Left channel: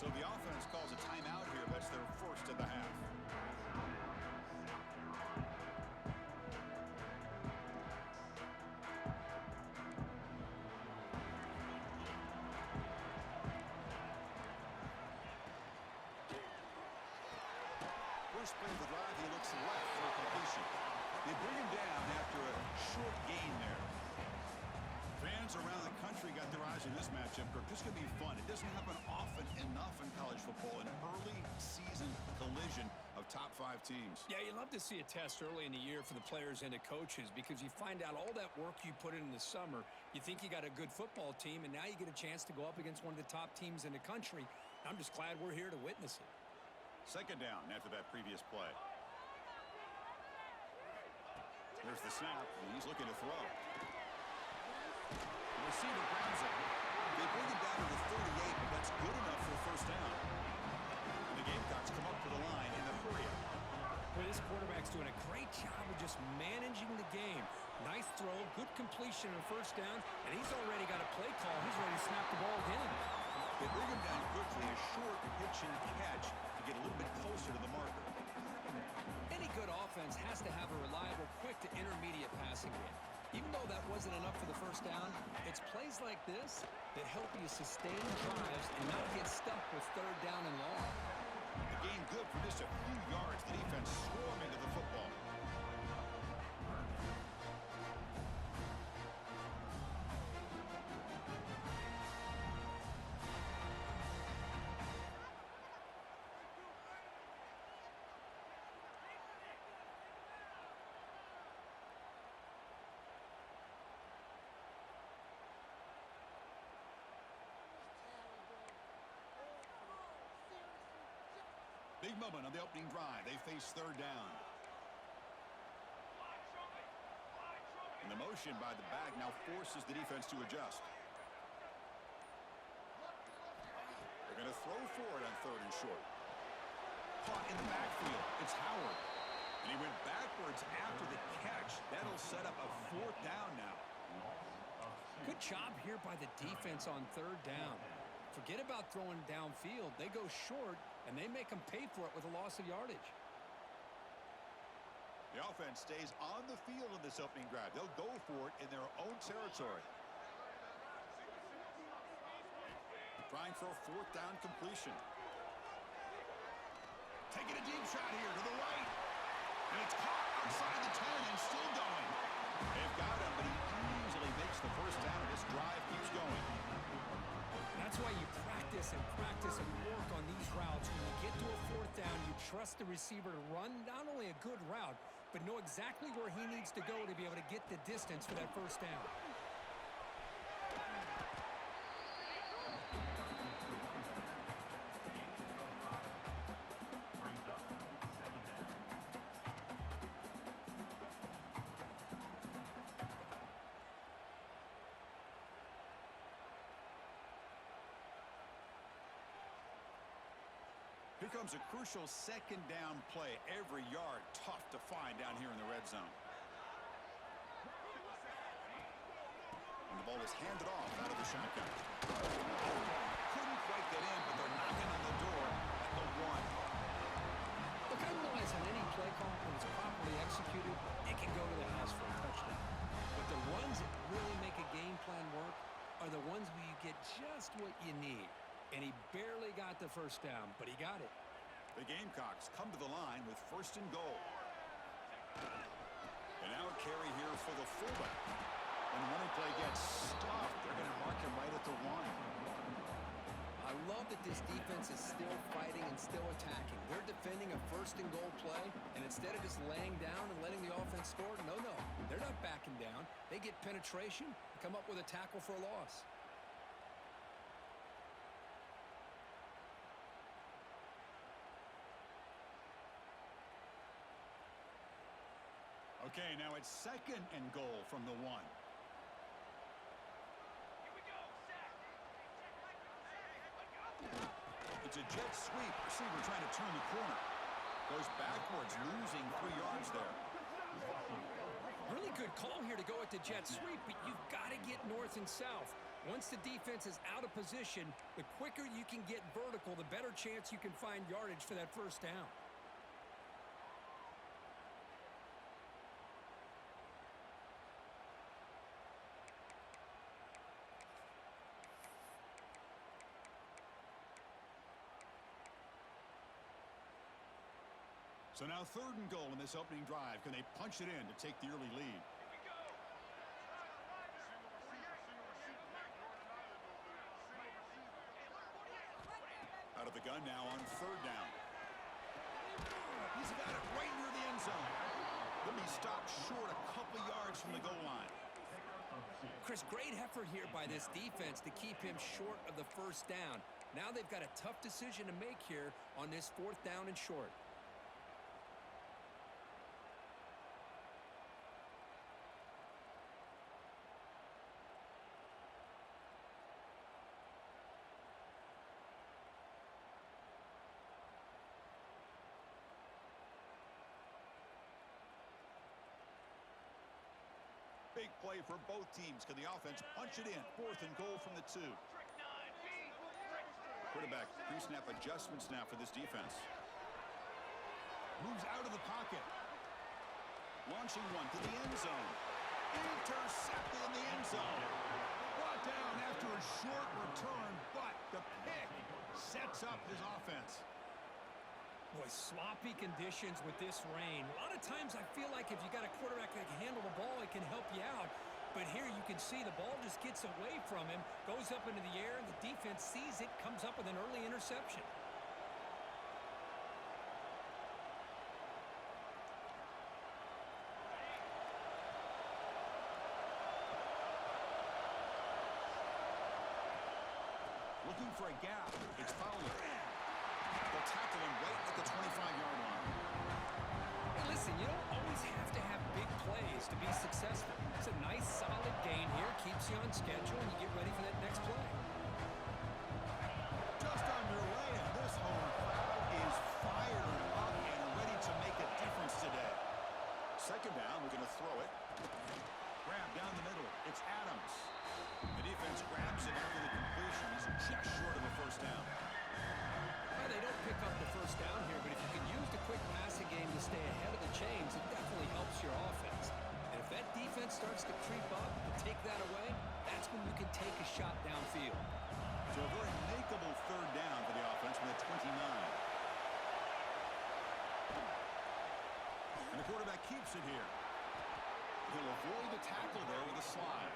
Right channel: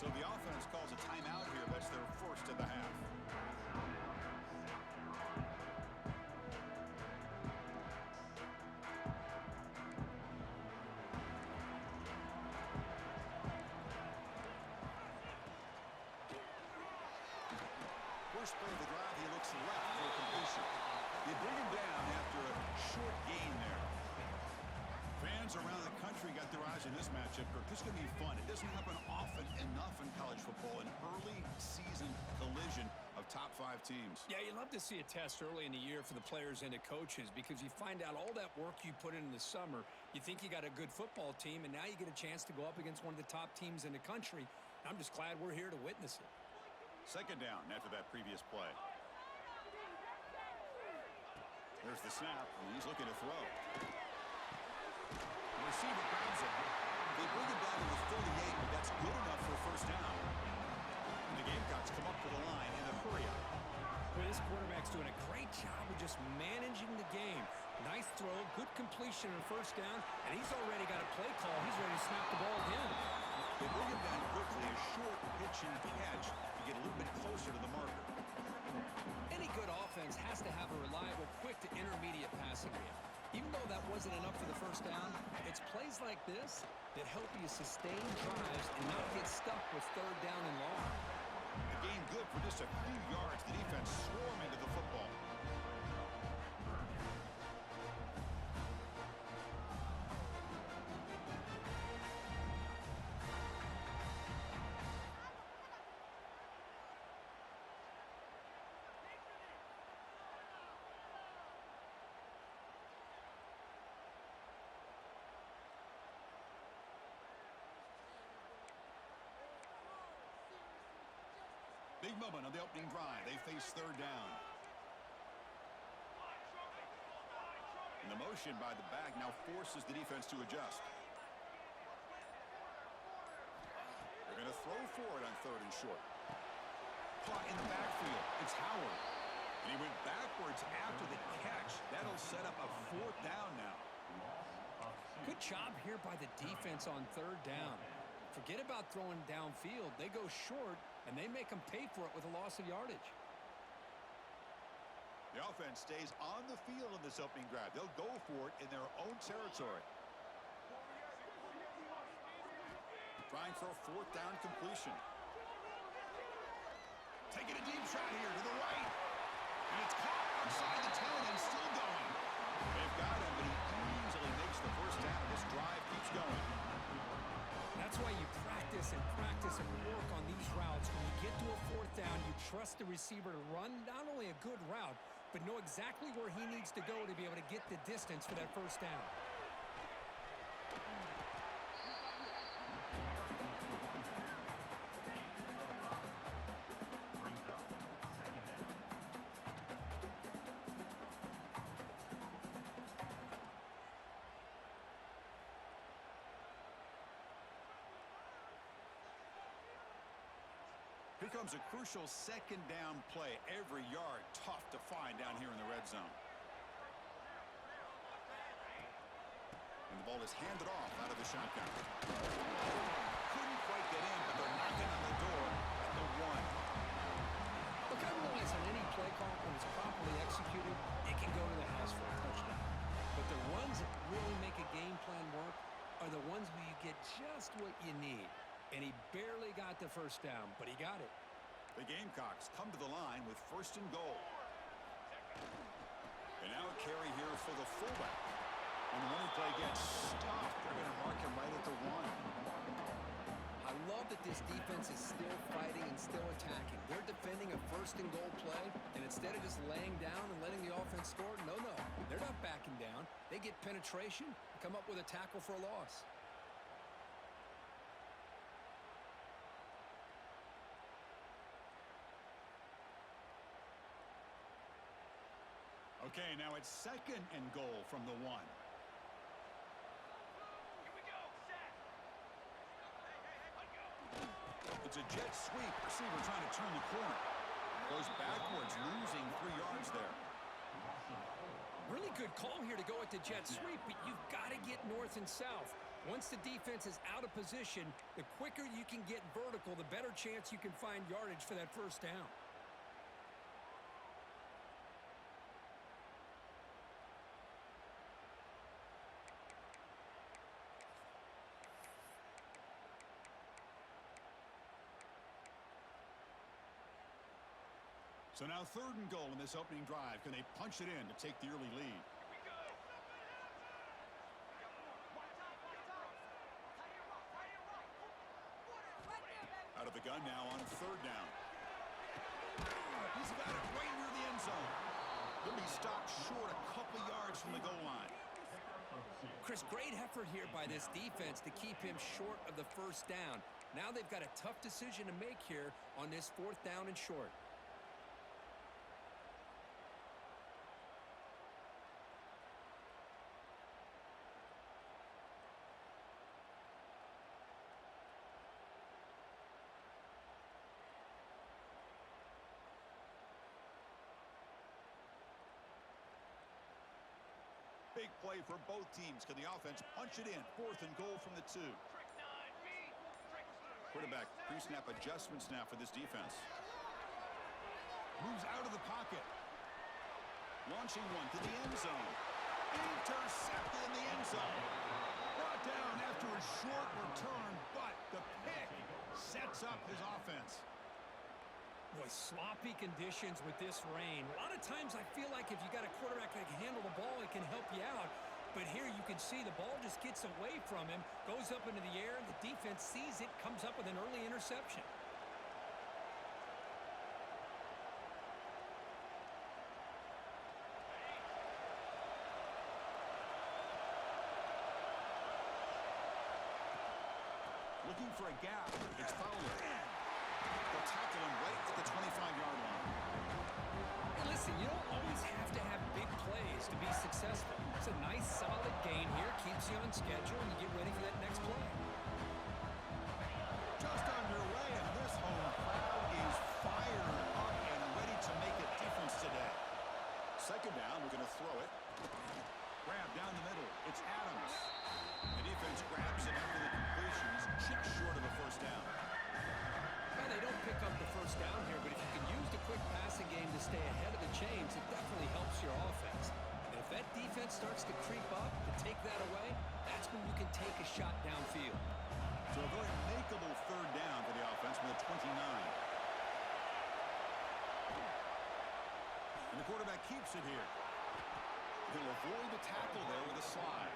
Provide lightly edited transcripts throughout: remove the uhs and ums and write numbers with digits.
So the offense calls a timeout here. That's their first of the half. First play of the drive, he looks left for a completion. They bring him down after a short gain there. Fans around the country got their eyes on this matchup, Kirk. This is going to be fun. It doesn't happen often enough in college football, an early season collision of top 5 teams. Yeah, you love to see a test early in the year for the players and the coaches because you find out all that work you put in the summer. You think you got a good football team, and now you get a chance to go up against one of the top teams in the country. I'm just glad we're here to witness it. Second down after that previous play. There's the snap, and he's looking to throw. The receiver grabs it. They bring him down to the 38, but that's good enough for a first down. And the Gamecocks come up to the line in a hurry-up. Well, this quarterback's doing a great job of just managing the game. Nice throw, good completion on first down, and he's already got a play call. He's ready to snap the ball again. They bring him down quickly, a short pitch and catch to get a little bit closer to the marker. Any good offense has to have a reliable, quick to intermediate passing game. Even though that wasn't enough for the first down, it's plays like this that help you sustain drives and not get stuck with third down and long. The game good for just a few yards. The defense swarming to the football. Big moment on the opening drive. They face third down. And the motion by the back now forces the defense to adjust. They're going to throw for it on third and short. Caught in the backfield. It's Howard. And he went backwards after the catch. That'll set up a fourth down now. Good job here by the defense on third down. Forget about throwing downfield. They go short, and they make them pay for it with a loss of yardage. The offense stays on the field in this opening drive. They'll go for it in their own territory. Trying for a fourth down completion. Taking a deep shot here to the right. And it's caught outside the 10 and still going. They've got him, but he easily makes the first down, and this drive keeps going. That's why you practice and work on these routes. When you get to a fourth down, you trust the receiver to run not only a good route, but know exactly where he needs to go to be able to get the distance for that first down. Here comes a crucial second down play. Every yard tough to find down here in the red zone. And the ball is handed off out of the shotgun. Couldn't quite get in, but they're knocking on the door at the 1. Look, I realize on any play call, when it's properly executed, it can go to the house for a touchdown. But the ones that really make a game plan work are the ones where you get just what you need. And he barely got the first down, but he got it. The Gamecocks come to the line with first and goal. And now a carry here for the fullback. And the running play gets stopped. They're going to mark him right at the 1. I love that this defense is still fighting and still attacking. They're defending a first and goal play, and instead of just laying down and letting the offense score, no, they're not backing down. They get penetration and come up with a tackle for a loss. Okay, now it's second and goal from the 1. Here we go, set. Hey, It's a jet sweep. Receiver trying to turn the corner. Goes backwards, losing 3 yards there. Really good call here to go with the jet sweep, but you've got to get north and south. Once the defense is out of position, the quicker you can get vertical, the better chance you can find yardage for that first down. So now 3rd and goal in this opening drive. Can they punch it in to take the early lead? Here we go. Out of the gun now on 3rd down. He's got it right near the end zone. He'll be stopped short a couple yards from the goal line. Chris, great effort here by this defense to keep him short of the first down. Now they've got a tough decision to make here on this 4th down and short. Big play for both teams. Can the offense punch it in? 4th and goal from the 2. Trick 9B. Quarterback pre-snap adjustments now for this defense. Moves out of the pocket. Launching one to the end zone. Intercepted in the end zone. Brought down after a short return, but the pick sets up his offense. Boy, sloppy conditions with this rain. A lot of times I feel like if you got a quarterback that can handle the ball, it can help you out. But here you can see the ball just gets away from him, goes up into the air, and the defense sees it, comes up with an early interception. Looking for a gap. It's Fowler. They'll tackle him right at the 25-yard line. Hey, listen, you don't always have to have big plays to be successful. It's a nice, solid gain here, keeps you on schedule, and you get ready for that next play. Just underway, and this home crowd is fired up and ready to make a difference today. 2nd down, we're going to throw it. Grab down the middle. It's Adams. The defense grabs it after the completion. He's just short of a first down. Well, they don't pick up the first down here, but if you can use the quick passing game to stay ahead of the chains, it definitely helps your offense. And if that defense starts to creep up to take that away, that's when you can take a shot downfield. So a very makeable 3rd down for the offense with a 29. And the quarterback keeps it here. He'll avoid the tackle there with a slide.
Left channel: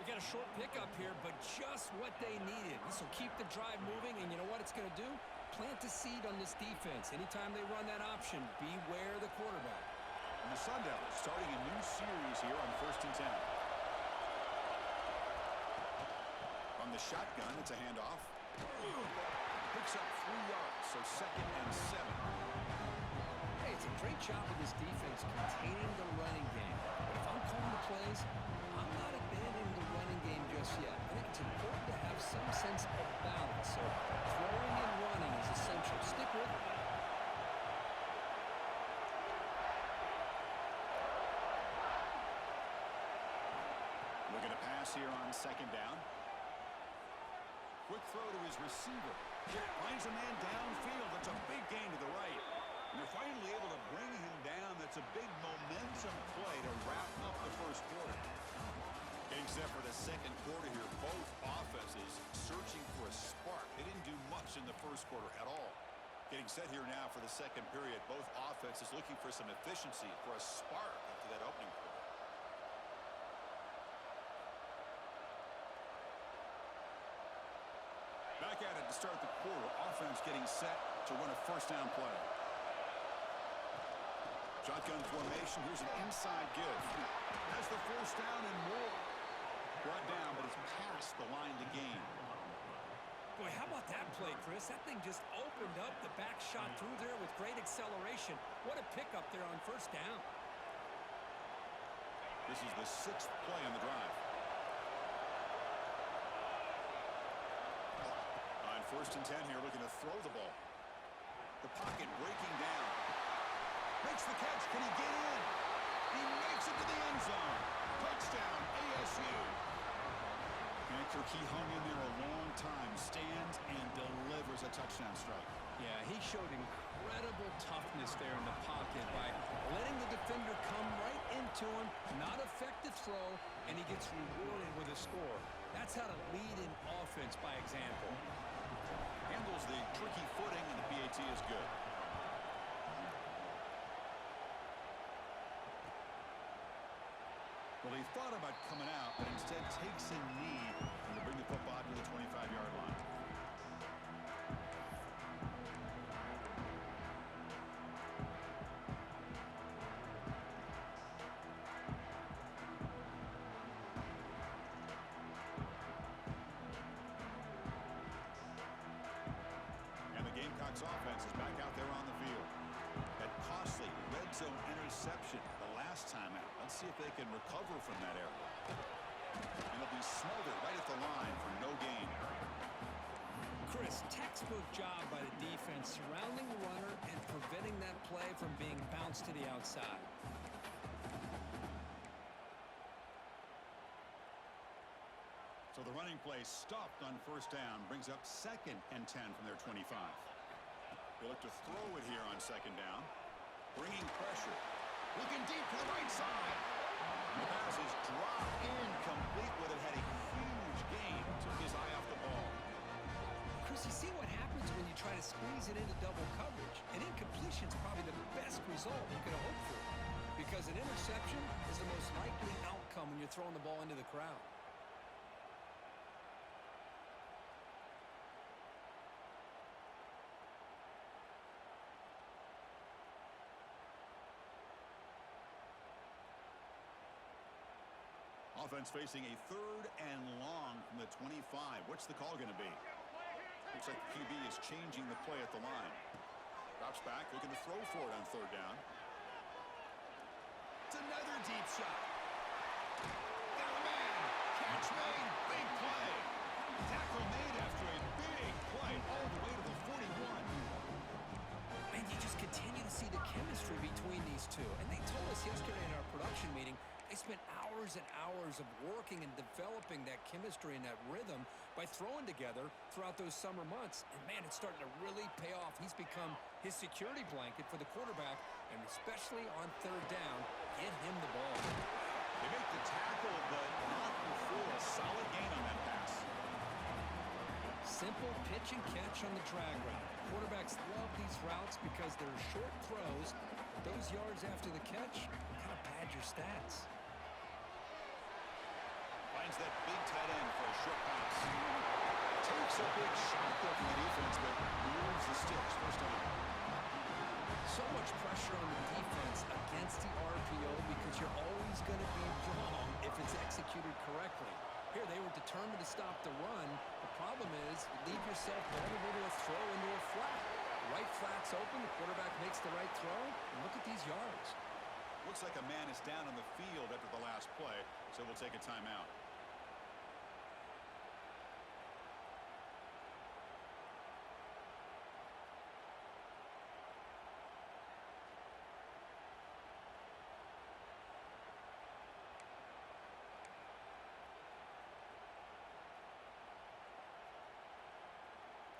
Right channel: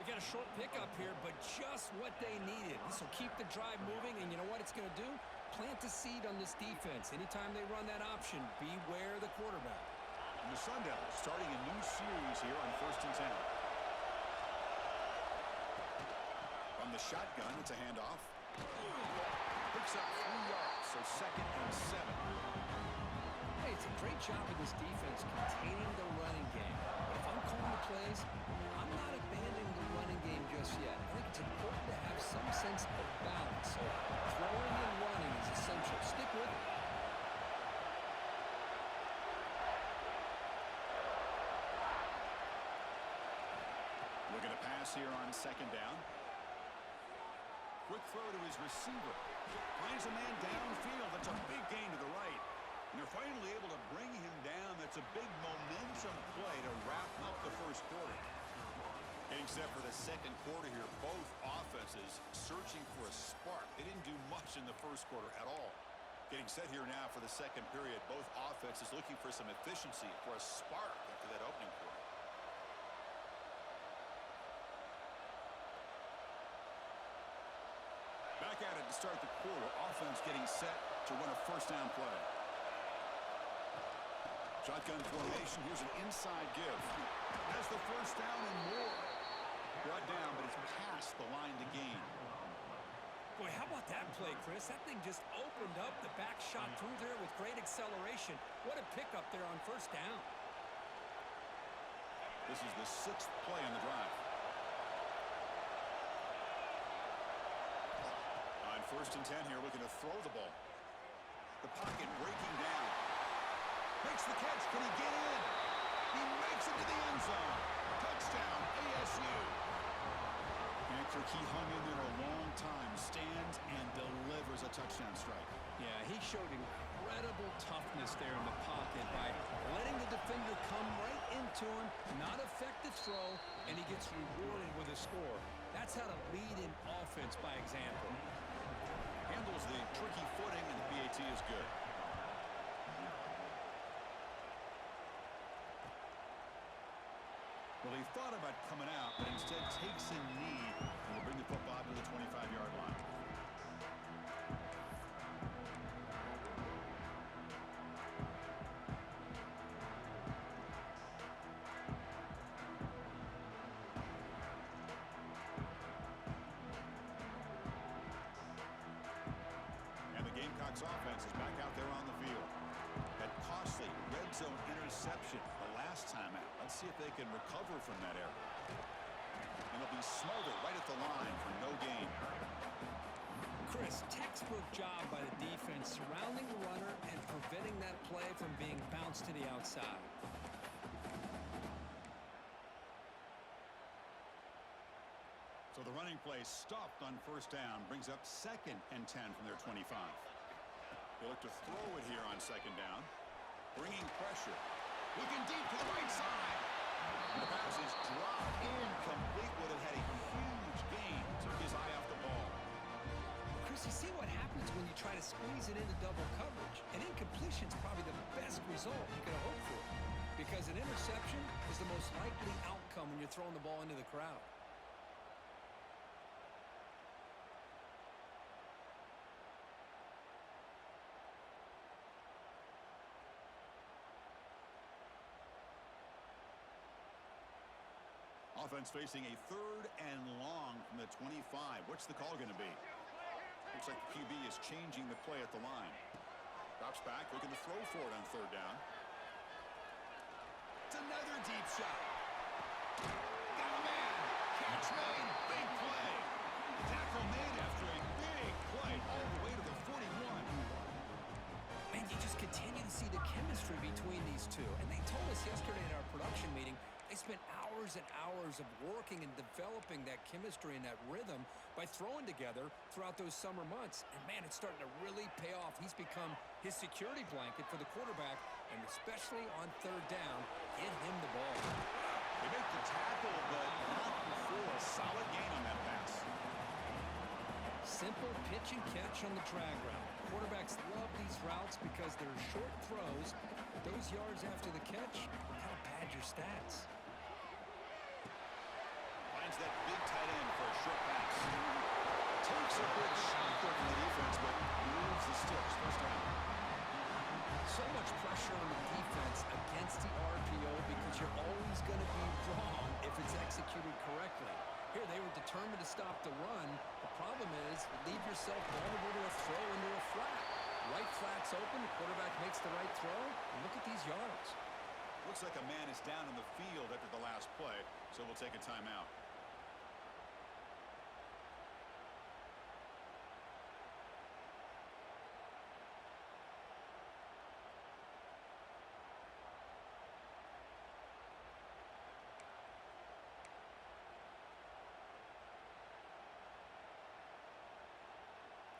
We got a short pickup here, but just what they needed. This will keep the drive moving, and you know what it's going to do? Plant a seed on this defense. Anytime they run that option, beware the quarterback. And the Sun Devils starting a new series here on 1st and 10. From the shotgun, it's a handoff. Picks up 3 yards, so 2nd and 7. Hey, it's a great job of this defense containing the running game. But if I'm calling the plays, I'm not abandoning the running game just yet. I think it's important to have some sense of balance. So throwing and running is essential. Stick with it. Looking to pass here on 2nd down. Quick throw to his receiver. Finds a man downfield. That's a big gain to the right. And they're finally able to bring him down. That's a big momentum play to wrap up the first quarter. Getting set for the 2nd quarter here. Both offenses searching for a spark. They didn't do much in the first quarter at all. Getting set here now for the 2nd period. Both offenses looking for some efficiency, for a spark after that opening quarter. Back at it to start the quarter. Offense getting set to run a 1st down play. Shotgun formation. Here's an inside give. Has the 1st down and more. Brought down, but it's past the line to gain. Boy, how about that play, Chris? That thing just opened up. The back shot through there with great acceleration. What a pickup there on 1st down. This is the 6th play on the drive. On 1st and 10 here, looking to throw the ball. The pocket breaking down. Makes the catch. Can he get in? He makes it to the end zone. Touchdown, ASU. And Kirk, he hung in there a long time, stands and delivers a touchdown strike. Yeah, he showed incredible toughness there in the pocket by letting the defender come right into him, not affect the throw, and he gets rewarded with a score. That's how to lead in offense by example. Handles the tricky footing, and the PAT is good. Well, he thought about coming out, but instead takes a knee and will bring the football to the 25-yard line. And the Gamecocks offense is back out there on the field. That costly red zone interception the last time out. Let's see if they can recover from that error. And it'll be smothered right at the line for no gain. Chris, textbook job by the defense surrounding the runner and preventing that play from being bounced to the outside. So the running play stopped on first down, brings up 2nd and 10 from their 25. They look to throw it here on 2nd down. Bringing pressure. Looking deep to the right side. And the pass is dropped incomplete. Would have had a huge gain. Took his eye off the ball. Chris, you see what happens when you try to squeeze it into double coverage. An incompletion is probably the best result you could hope for, because an interception is the most likely outcome when you're throwing the ball into the crowd. Offense facing a 3rd and long from the 25. What's the call going to be? Looks like the QB is changing the play at the line. Drops back, looking to throw for it on 3rd down. It's another deep shot. Got a man. Catch made. Big play. Tackle made after a big play all the way to the 41. Man, you just continue to see the chemistry between these two. And they told us yesterday in our production meeting they spent hours and hours of working and developing that chemistry and that rhythm by throwing together throughout those summer months. And, man, it's starting to really pay off. He's become his security blanket for the quarterback, and especially on 3rd down, get him the ball. They make the tackle, but not before a solid gain on that pass. Simple pitch and catch on the drag route. Quarterbacks love these routes because they're short throws, but those yards after the catch kind of pad your stats. Finds that big tight end for a short pass. Takes a big shot there from the defense, but moves the sticks. First down. So much pressure on the defense against the RPO because you're always going to be wrong if it's executed correctly. Here, they were determined to stop the run. The problem is you leave yourself vulnerable to a throw into a flat. Right flat's open, the quarterback makes the right throw, and look at these yards. Looks like a man is down on the field after the last play, so we'll take a timeout.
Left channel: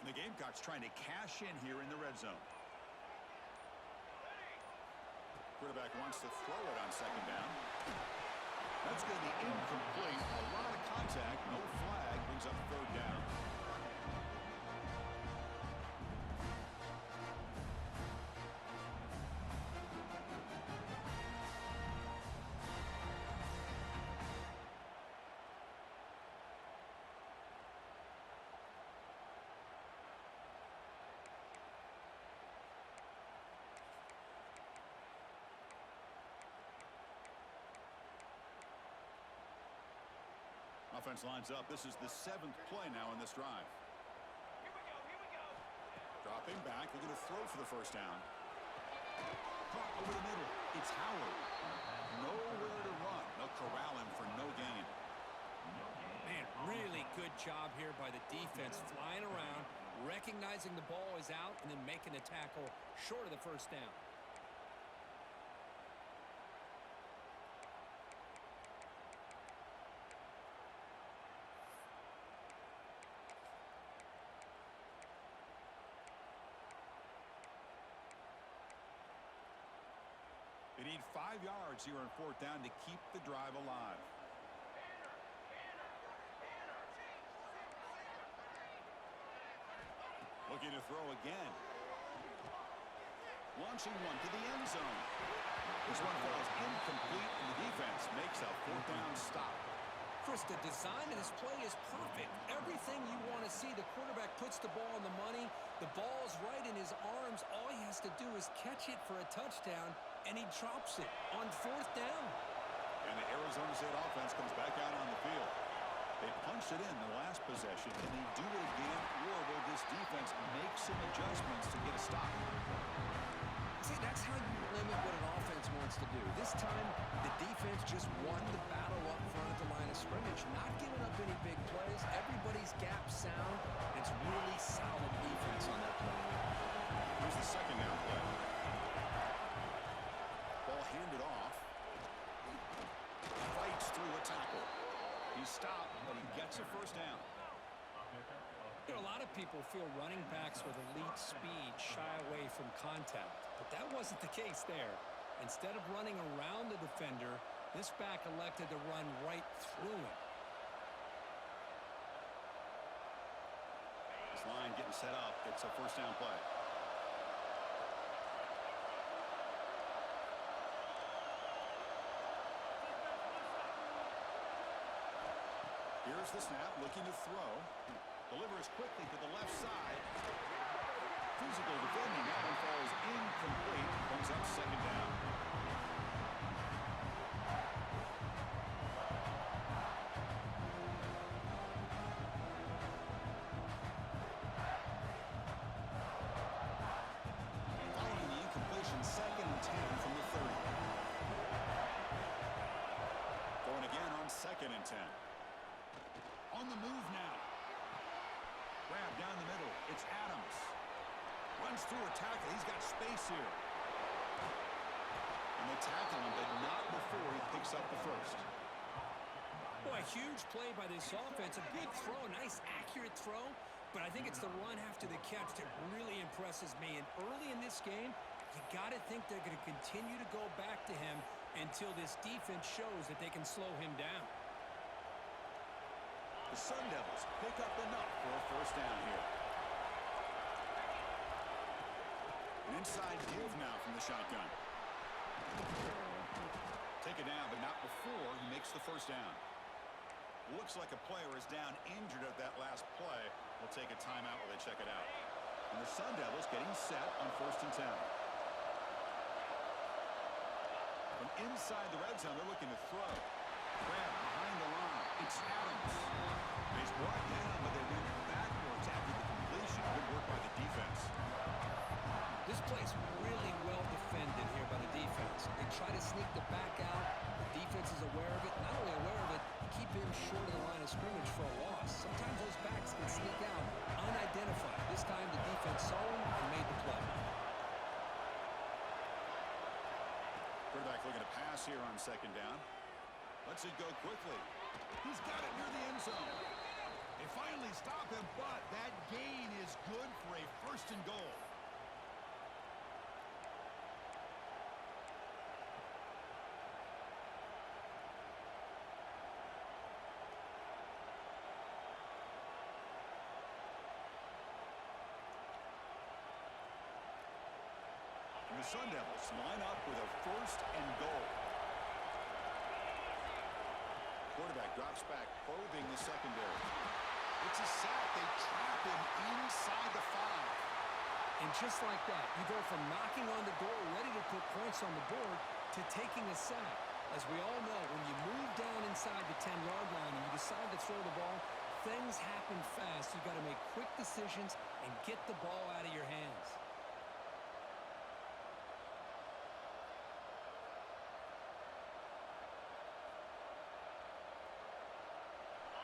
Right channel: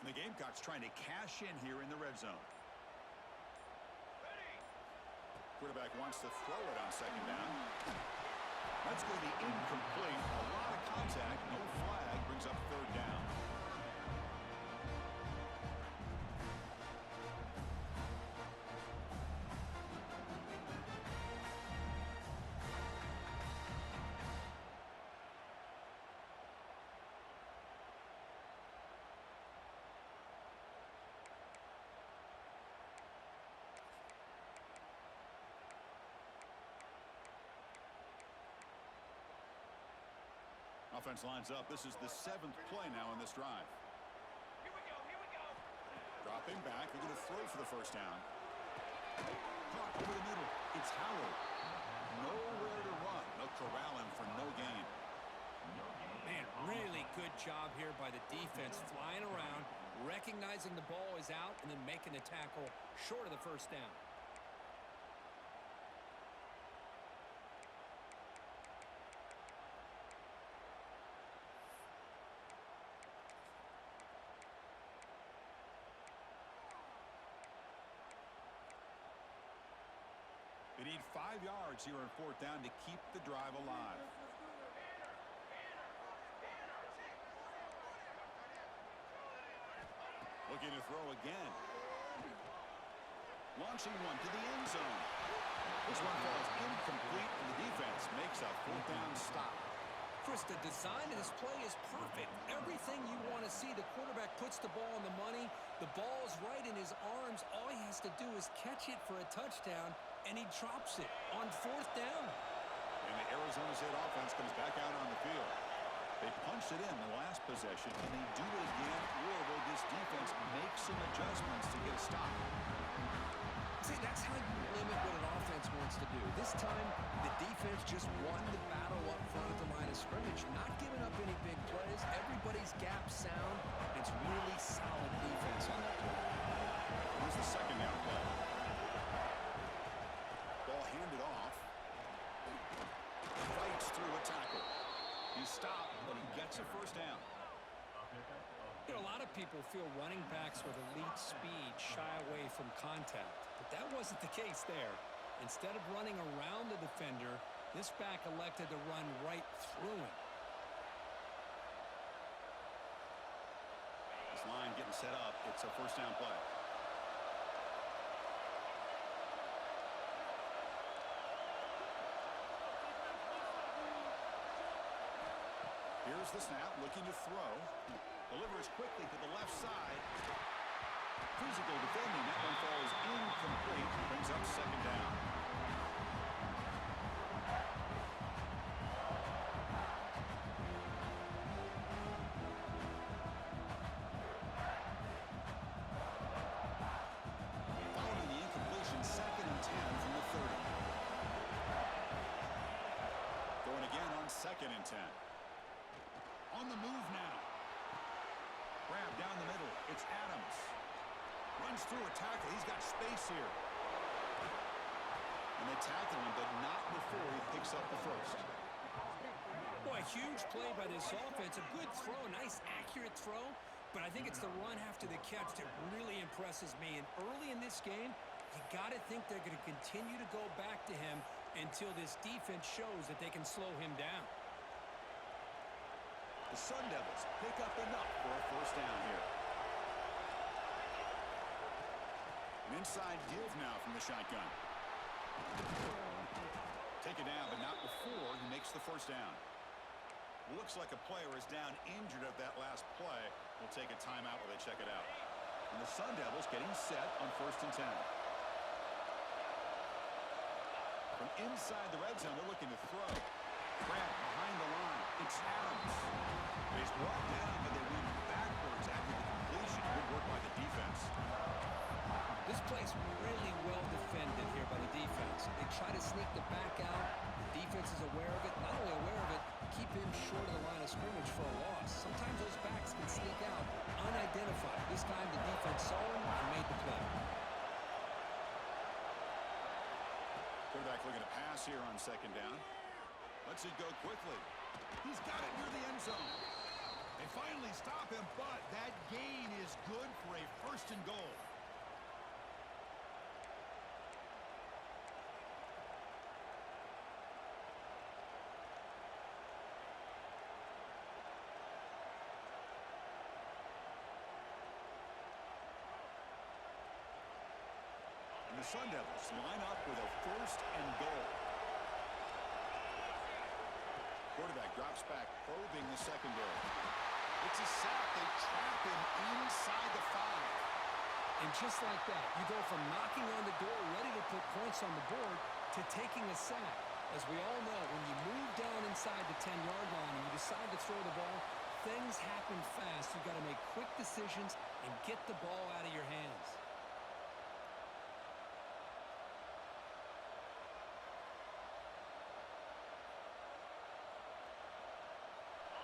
And the Gamecocks trying to cash in here in the red zone. Quarterback wants to throw it on 2nd down. That's going to be incomplete. A lot of contact. No flag. Brings up 3rd down. Offense lines up. This is the 7th play now in this drive. Here we go, here we go. Dropping back. They're going to throw for the first down. Caught over the middle. It's Howard. Nowhere to run. They'll corral him for no gain. Man, really good job here by the defense, flying around, recognizing the ball is out, and then making the tackle short of the first down. need 5 yards here on 4th down to keep the drive alive. Looking to throw again. Launching one to the end zone. This one falls incomplete, and the defense makes a 4th down stop. Chris, the design of this play is perfect. Everything you want to see. The quarterback puts the ball on the money. The ball's right in his arms. All he has to do is catch it for a touchdown, and he drops it on 4th down. And the Arizona State offense comes back out on the field. They punched it in the last possession, and they do it again, or will this defense make some adjustments to get a stop? See, that's how you limit what an offense wants to do. This time, the defense just won the battle up front at the line of scrimmage, not giving up any big plays. Everybody's gap sound. It's really solid defense on that play. Here's the 2nd down play. Ball handed off. Fights through a tackle. He stopped, but he gets a 1st down. You know, a lot of people feel running backs with elite speed shy away from contact, but that wasn't the case there. Instead of running around the defender, this back elected to run right through him. This line getting set up. It's a 1st down play. Here's the snap, looking to throw. Delivers quickly to the left side. Physical defending. That one falls incomplete. Brings up 2nd down. Following the incompletion, 2nd and 10 from the 30. Going again on 2nd and 10. On the move now. Grab down the middle. It's Adams. Runs through a tackle. He's got space here. And they tackle him, but not before he picks up the 1st. Boy, a huge play by this offense. A good throw, nice accurate throw. But I think it's the run after the catch that really impresses me. And early in this game, you got to think they're going to continue to go back to him until this defense shows that they can slow him down. The Sun Devils pick up enough for a 1st down here. An inside give now from the shotgun. Take it down, but not before he makes the 1st down. Looks like a player is down injured at that last play. We'll take a timeout while they check it out. And the Sun Devils getting set on 1st and 10. From inside the red zone, they're looking to throw. Grab behind the line. It's Adams. He's brought down, but they went backwards after the completion. Good work by the defense. This play's really well defended here by the defense. They try to sneak the back out. The defense is aware of it. Not only aware of it, keep him short of the line of scrimmage for a loss. Sometimes those backs can sneak out unidentified. This time the defense saw him and made the play. Quarterback looking to pass here on 2nd down. Lets it go quickly. He's got it near the end zone. They finally stop him, but that gain is good for a 1st and goal. And the Sun Devils line up with a 1st and goal. Quarterback drops back, probing the secondary. It's a sack. They trap him inside the 5. And just like that, you go from knocking on the door, ready to put points on the board, to taking a sack. As we all know, when you move down inside the 10-yard line and you decide to throw the ball, things happen fast. You've got to make quick decisions and get the ball out of your hands.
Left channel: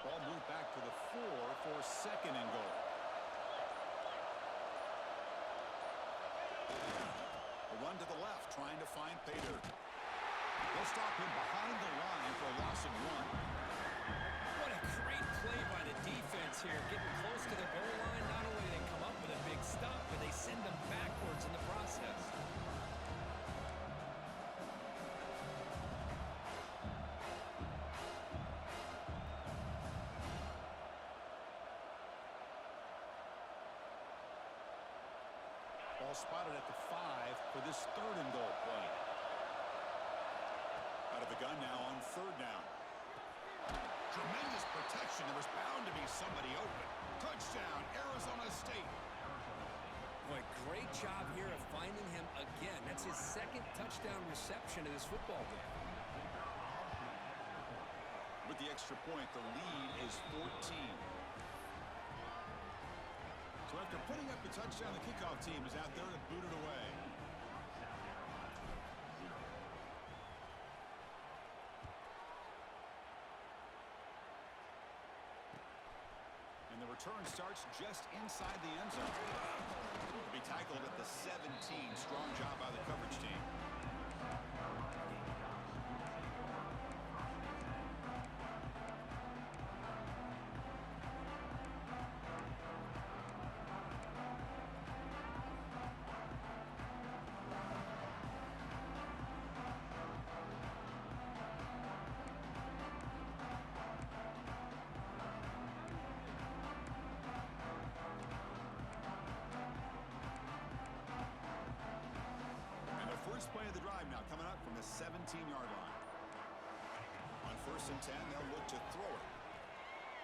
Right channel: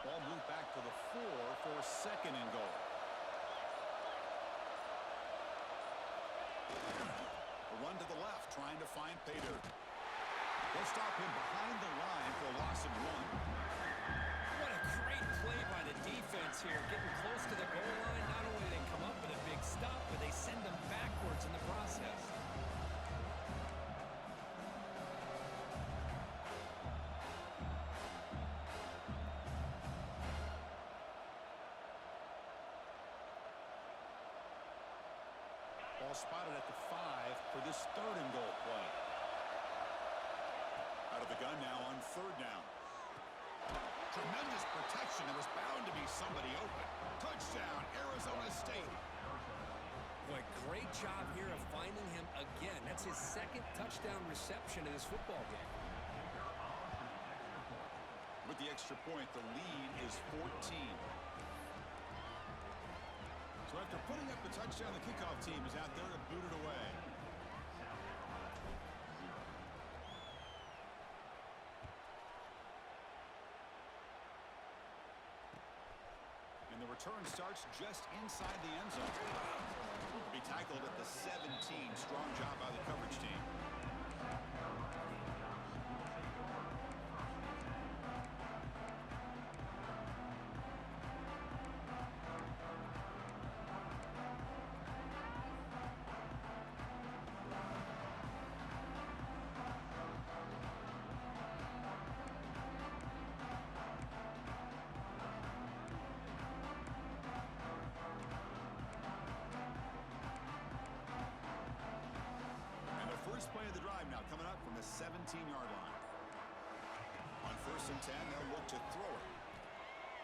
Ball moved back to the 4 for 2nd and goal. A run to the left, trying to find Pater. They'll stop him behind the line for a loss of 1. What a great play by the defense here. Getting close to the goal line, not only do they come up with a big stop, but they send them backwards in the process. Ball spotted at the 5 for this 3rd and goal play. Out of the gun now on 3rd down. Tremendous protection. There was bound to be somebody open. Touchdown, Arizona State. Boy, great job here of finding him again. That's his 2nd touchdown reception of this football game. With the extra point, the lead is 14. So after putting up the touchdown, the kickoff team is out there to boot it away. And the return starts just inside the end zone. To be tackled at the 17. Strong job by the coverage team. First play of the drive now coming up from the 17-yard line. On 1st and 10, they'll look to throw it.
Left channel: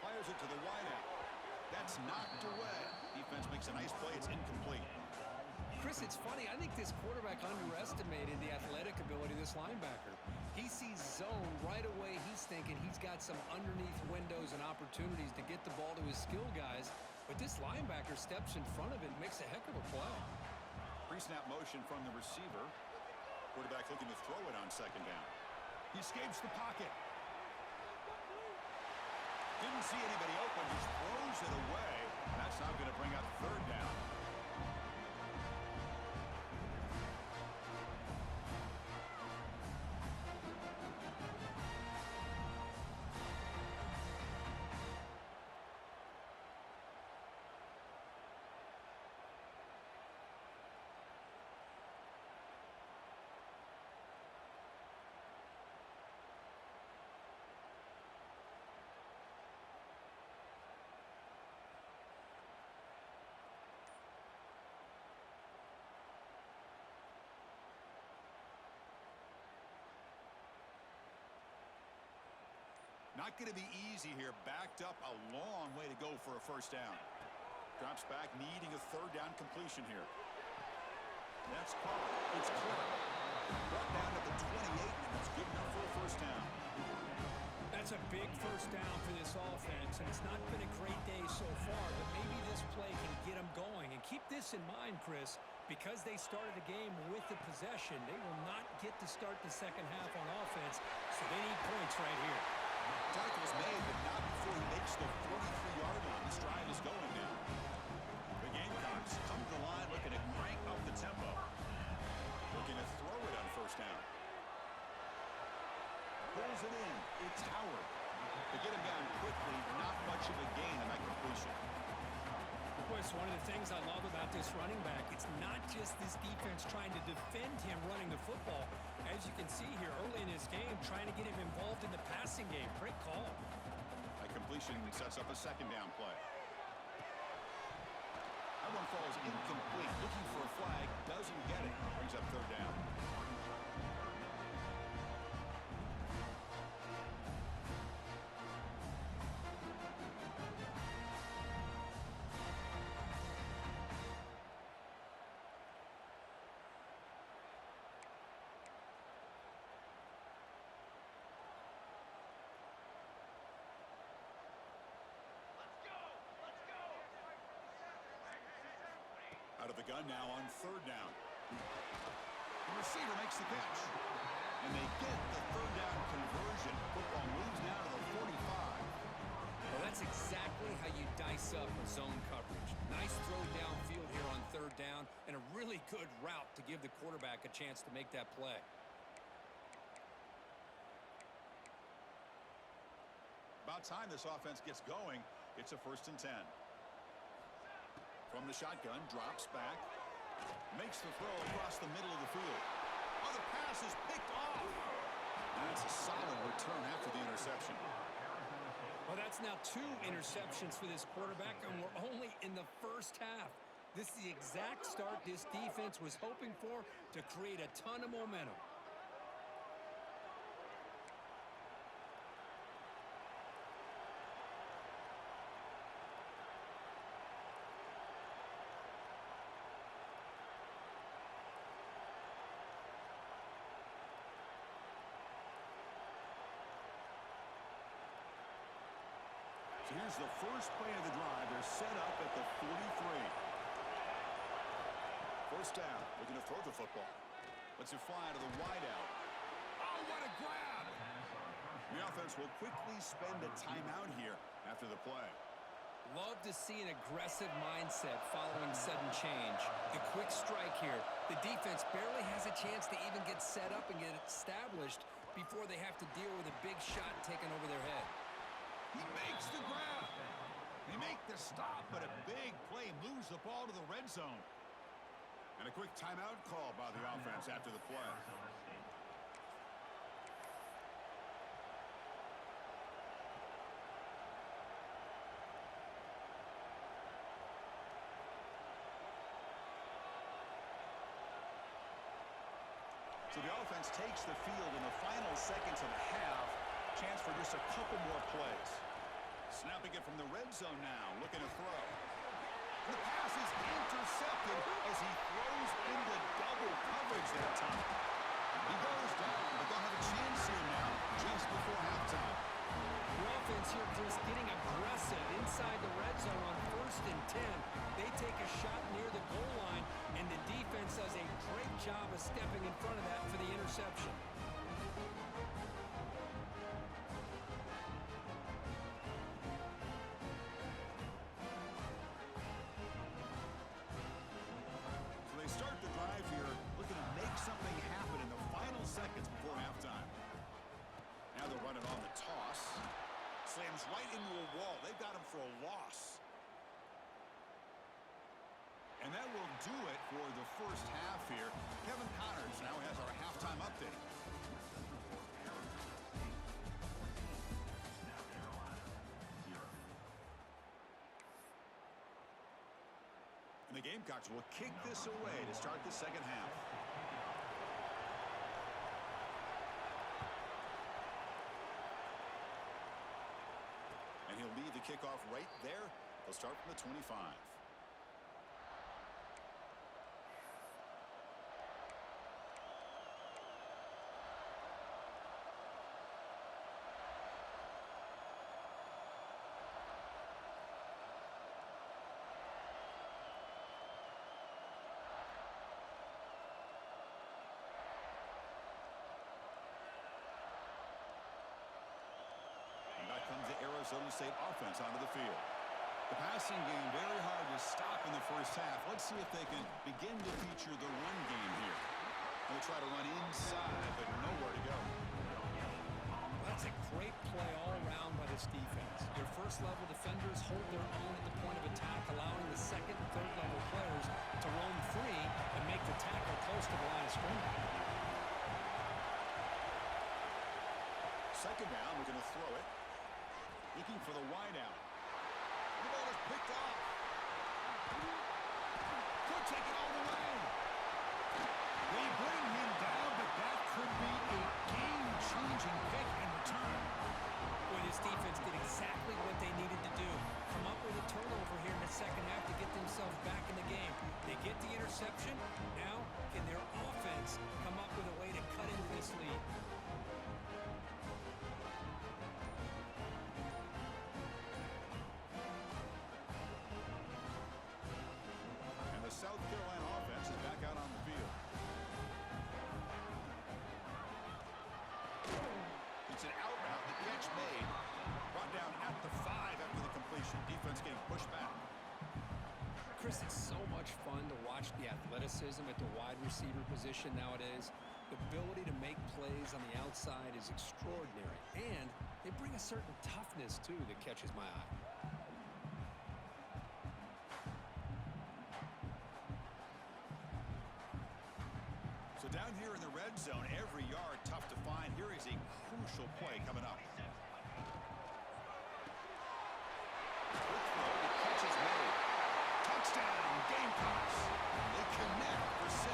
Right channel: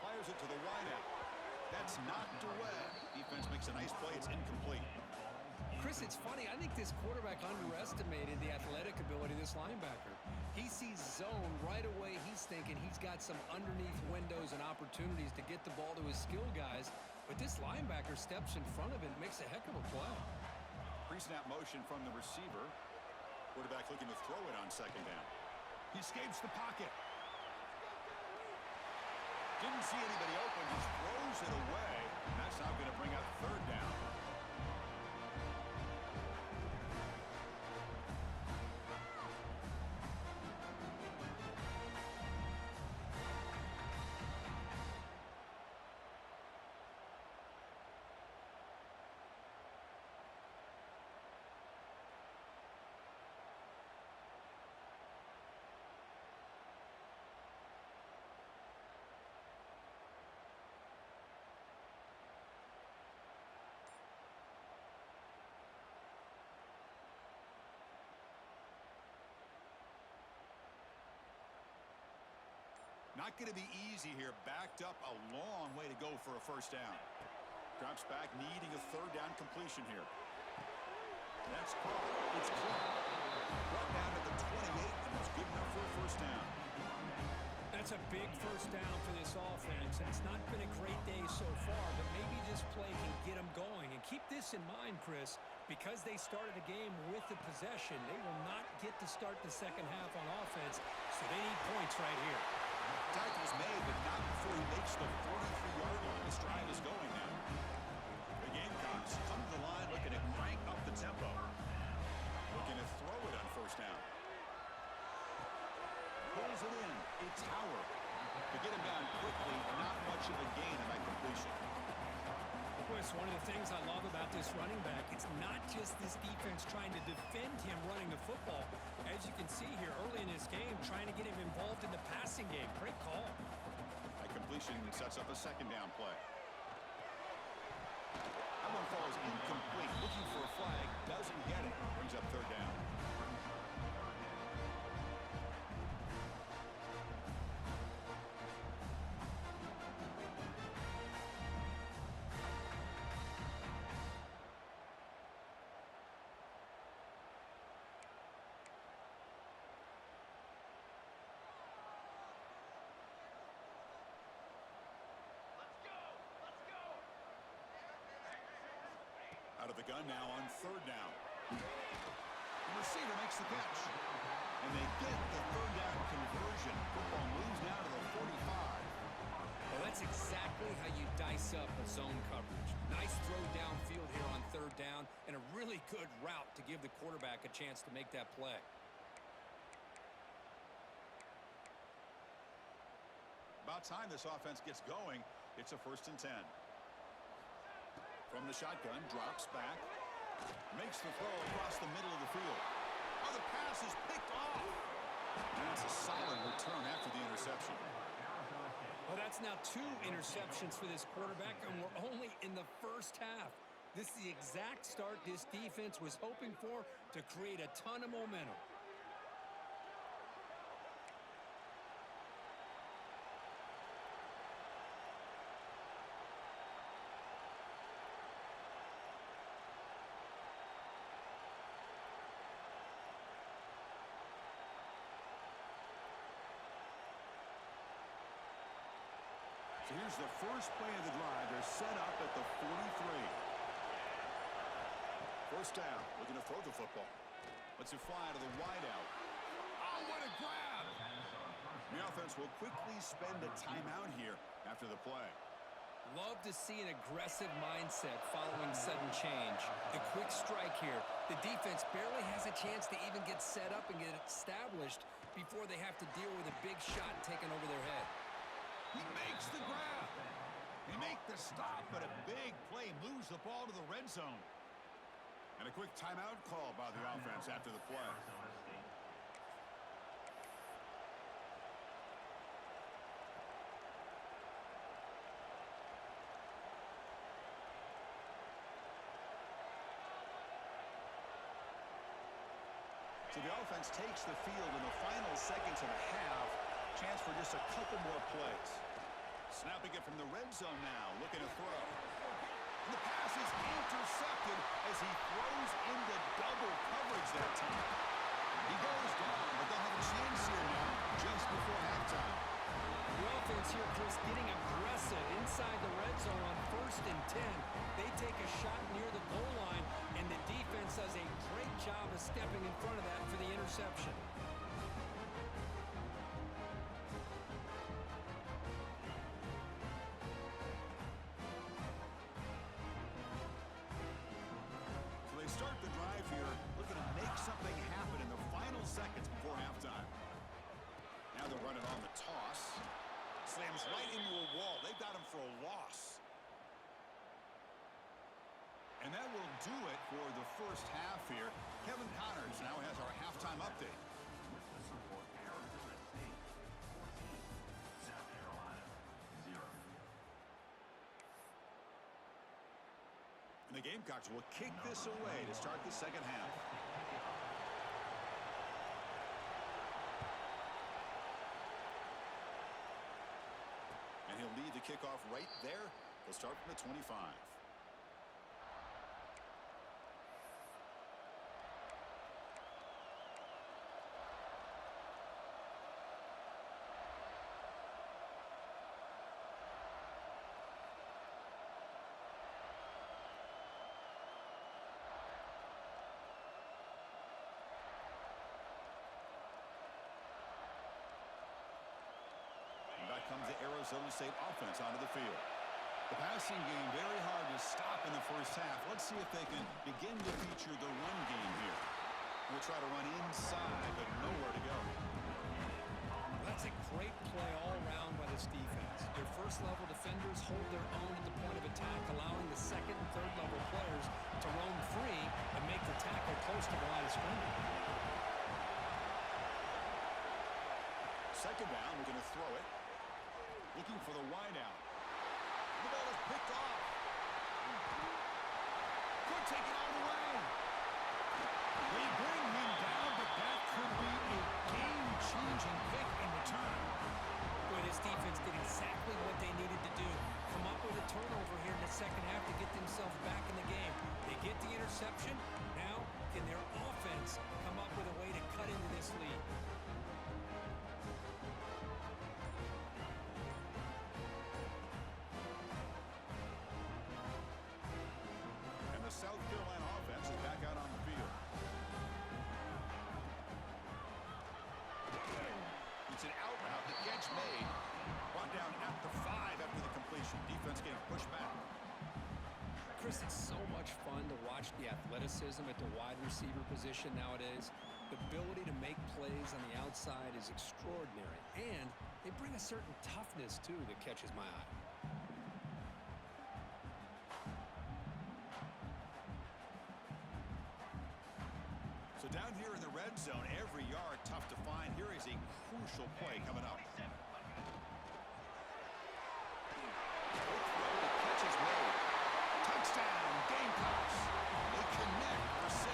Fires it to the wideout. That's knocked away. Defense makes a nice play. It's incomplete. Chris, it's funny. I think this quarterback underestimated the athletic ability of this linebacker. He sees zone right away. He's thinking he's got some underneath windows and opportunities to get the ball to his skill guys. But this linebacker steps in front of it and makes a heck of a play. Pre-snap motion from the receiver. Quarterback looking to throw it on 2nd down. He escapes the pocket. Didn't see anybody open, just throws it away. And that's now going to bring up 3rd down. Not going to be easy here. Backed up a long way to go for a 1st down. Drops back, needing a 3rd down completion here. That's caught. It's Clark. Brought down at the 28, and that's good enough for a 1st down. That's a big 1st down for this offense, and it's not been a great day so far, but maybe this play can get them going. And keep this in mind, Chris, because they started the game with the possession, they will not get to start the 2nd half on offense, so they need points right here. Tackle was made, but not before he makes the 43-yard line. This drive is going now. The Gamecocks come to the line looking to crank up the tempo. Looking to throw it on 1st down. Pulls it in. It's Howard. To get him down quickly, not much of a gain on that completion. Boy, it's one of the things I love about this running back. It's not just this defense trying to defend him running the football. As you can see here early in this game, trying to get him involved in the passing game. Great call. That completion sets up a 2nd down play. That one falls incomplete. Looking for a flag. Doesn't get it. Brings up 3rd down. Out of the gun now on 3rd down. The receiver makes the catch. And they get the 3rd down conversion. Football moves now to the 45. Well, that's exactly how you dice up a zone coverage. Nice throw downfield here on 3rd down, and a really good route to give the quarterback a chance to make that play. About time this offense gets going. It's a 1st and 10. From the shotgun, drops back. Makes the throw across the middle of the field. Oh, the pass is picked off. And that's a solid return after the interception. Well, that's now 2 interceptions for this quarterback, and we're only in the 1st half. This is the exact start this defense was hoping for to create a ton of momentum. So here's the first play of the drive. They're set up at the 43. First down, looking to throw the football. Lets it fly to the wideout. Oh, what a grab! The offense will quickly spend a timeout here after the play. Love to see an aggressive mindset following sudden change. The quick strike here. The defense barely has a chance to even get set up and get established before they have to deal with a big shot taken over their head. He makes the grab. They make the stop, but a big play moves the ball to the red zone. And a quick timeout call by the offense after the play. So the offense takes the field in the final seconds of the half. Chance for just a couple more plays. Snapping it from the red zone now, looking to throw. And the pass is intercepted as he throws into double coverage that time. He goes down, but they'll have a chance here now just before halftime. The offense here, Chris, getting aggressive inside the red zone on 1st and 10. They take a shot near the goal line, and the defense does a great job of stepping in front of that for the interception. Start the drive here, looking to make something happen in the final seconds before halftime. Now they're running on the toss. Slams right into a wall. They've got him for a loss. And that will do it for the first half here. Kevin Connors now has our halftime update. The Gamecocks will kick this away to start the second half. And he'll lead the kickoff right there. They'll start from the 25. Back comes the Arizona State offense onto the field. The passing game very hard to stop in the first half. Let's see if they can begin to feature the run game here. They'll try to run inside, but nowhere to go. That's a great play all around by this defense. Your first-level defenders hold their own at the point of attack, allowing the second and third-level players to roam free and make the tackle close to the line of scrimmage. Second down, we're going to throw it. Looking for the wideout. The ball is picked off. Could take it all the way. They bring him down, but that could be a game-changing pick and return. Boy, this defense did exactly what they needed to do. Come up with a turnover here in the second half to get themselves back in the game. They get the interception. Now, can their offense come up with a way to cut into this lead? The South Carolina offense is back out on the field. It's an out route. The catch made. Brought down at the 5 after the completion. Defense getting pushed back. Chris, it's so much fun to watch the athleticism at the wide receiver position nowadays. The ability to make plays on the outside is extraordinary. And they bring a certain toughness, too, that catches my eye. So down here in the red zone, every yard tough to find. Here is a crucial play coming up. Quick throw, the catch is made. Touchdown, Gamecocks. They connect for 6.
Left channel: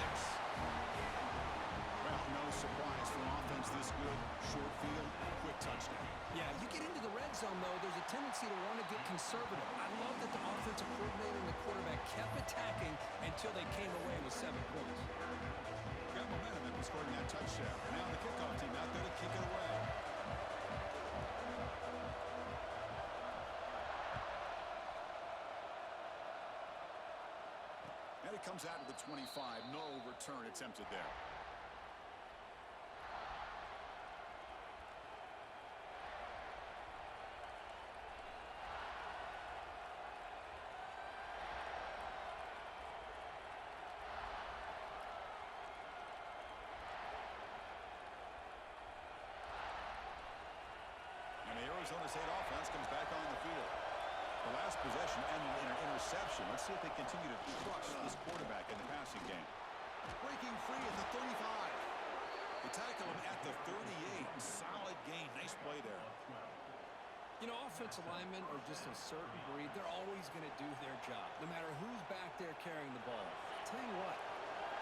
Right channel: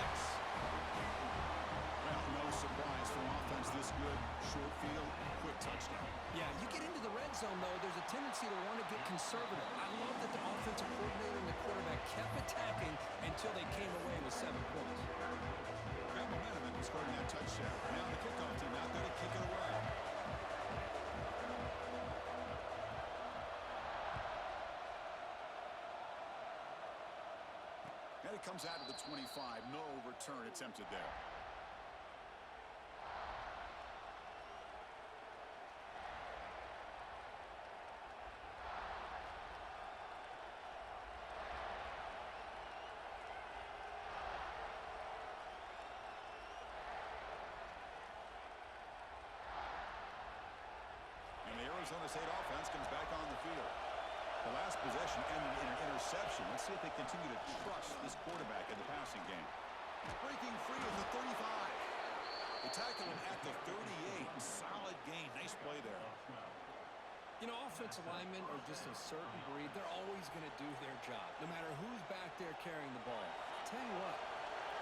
Well, no surprise for offense this good. Short field, quick touchdown. Yeah, you get into the red zone, though, there's a tendency to want to get conservative. I love that the offensive coordinator and the quarterback kept attacking until they came away with 7 points. Got momentum after scoring that touchdown. Now the kickoff team out there to kick it away. And it comes out to the 25. No return attempted there. And the Arizona State offense comes back on the field. The last possession ended in an interception. Let's see if they continue to trust this quarterback in the passing game. Breaking free at the 35. They tackle him at the 38. Solid gain. Nice play there. You know, offensive linemen are just a certain breed. They're always going to do their job, no matter who's back there carrying the ball. I'll tell you what,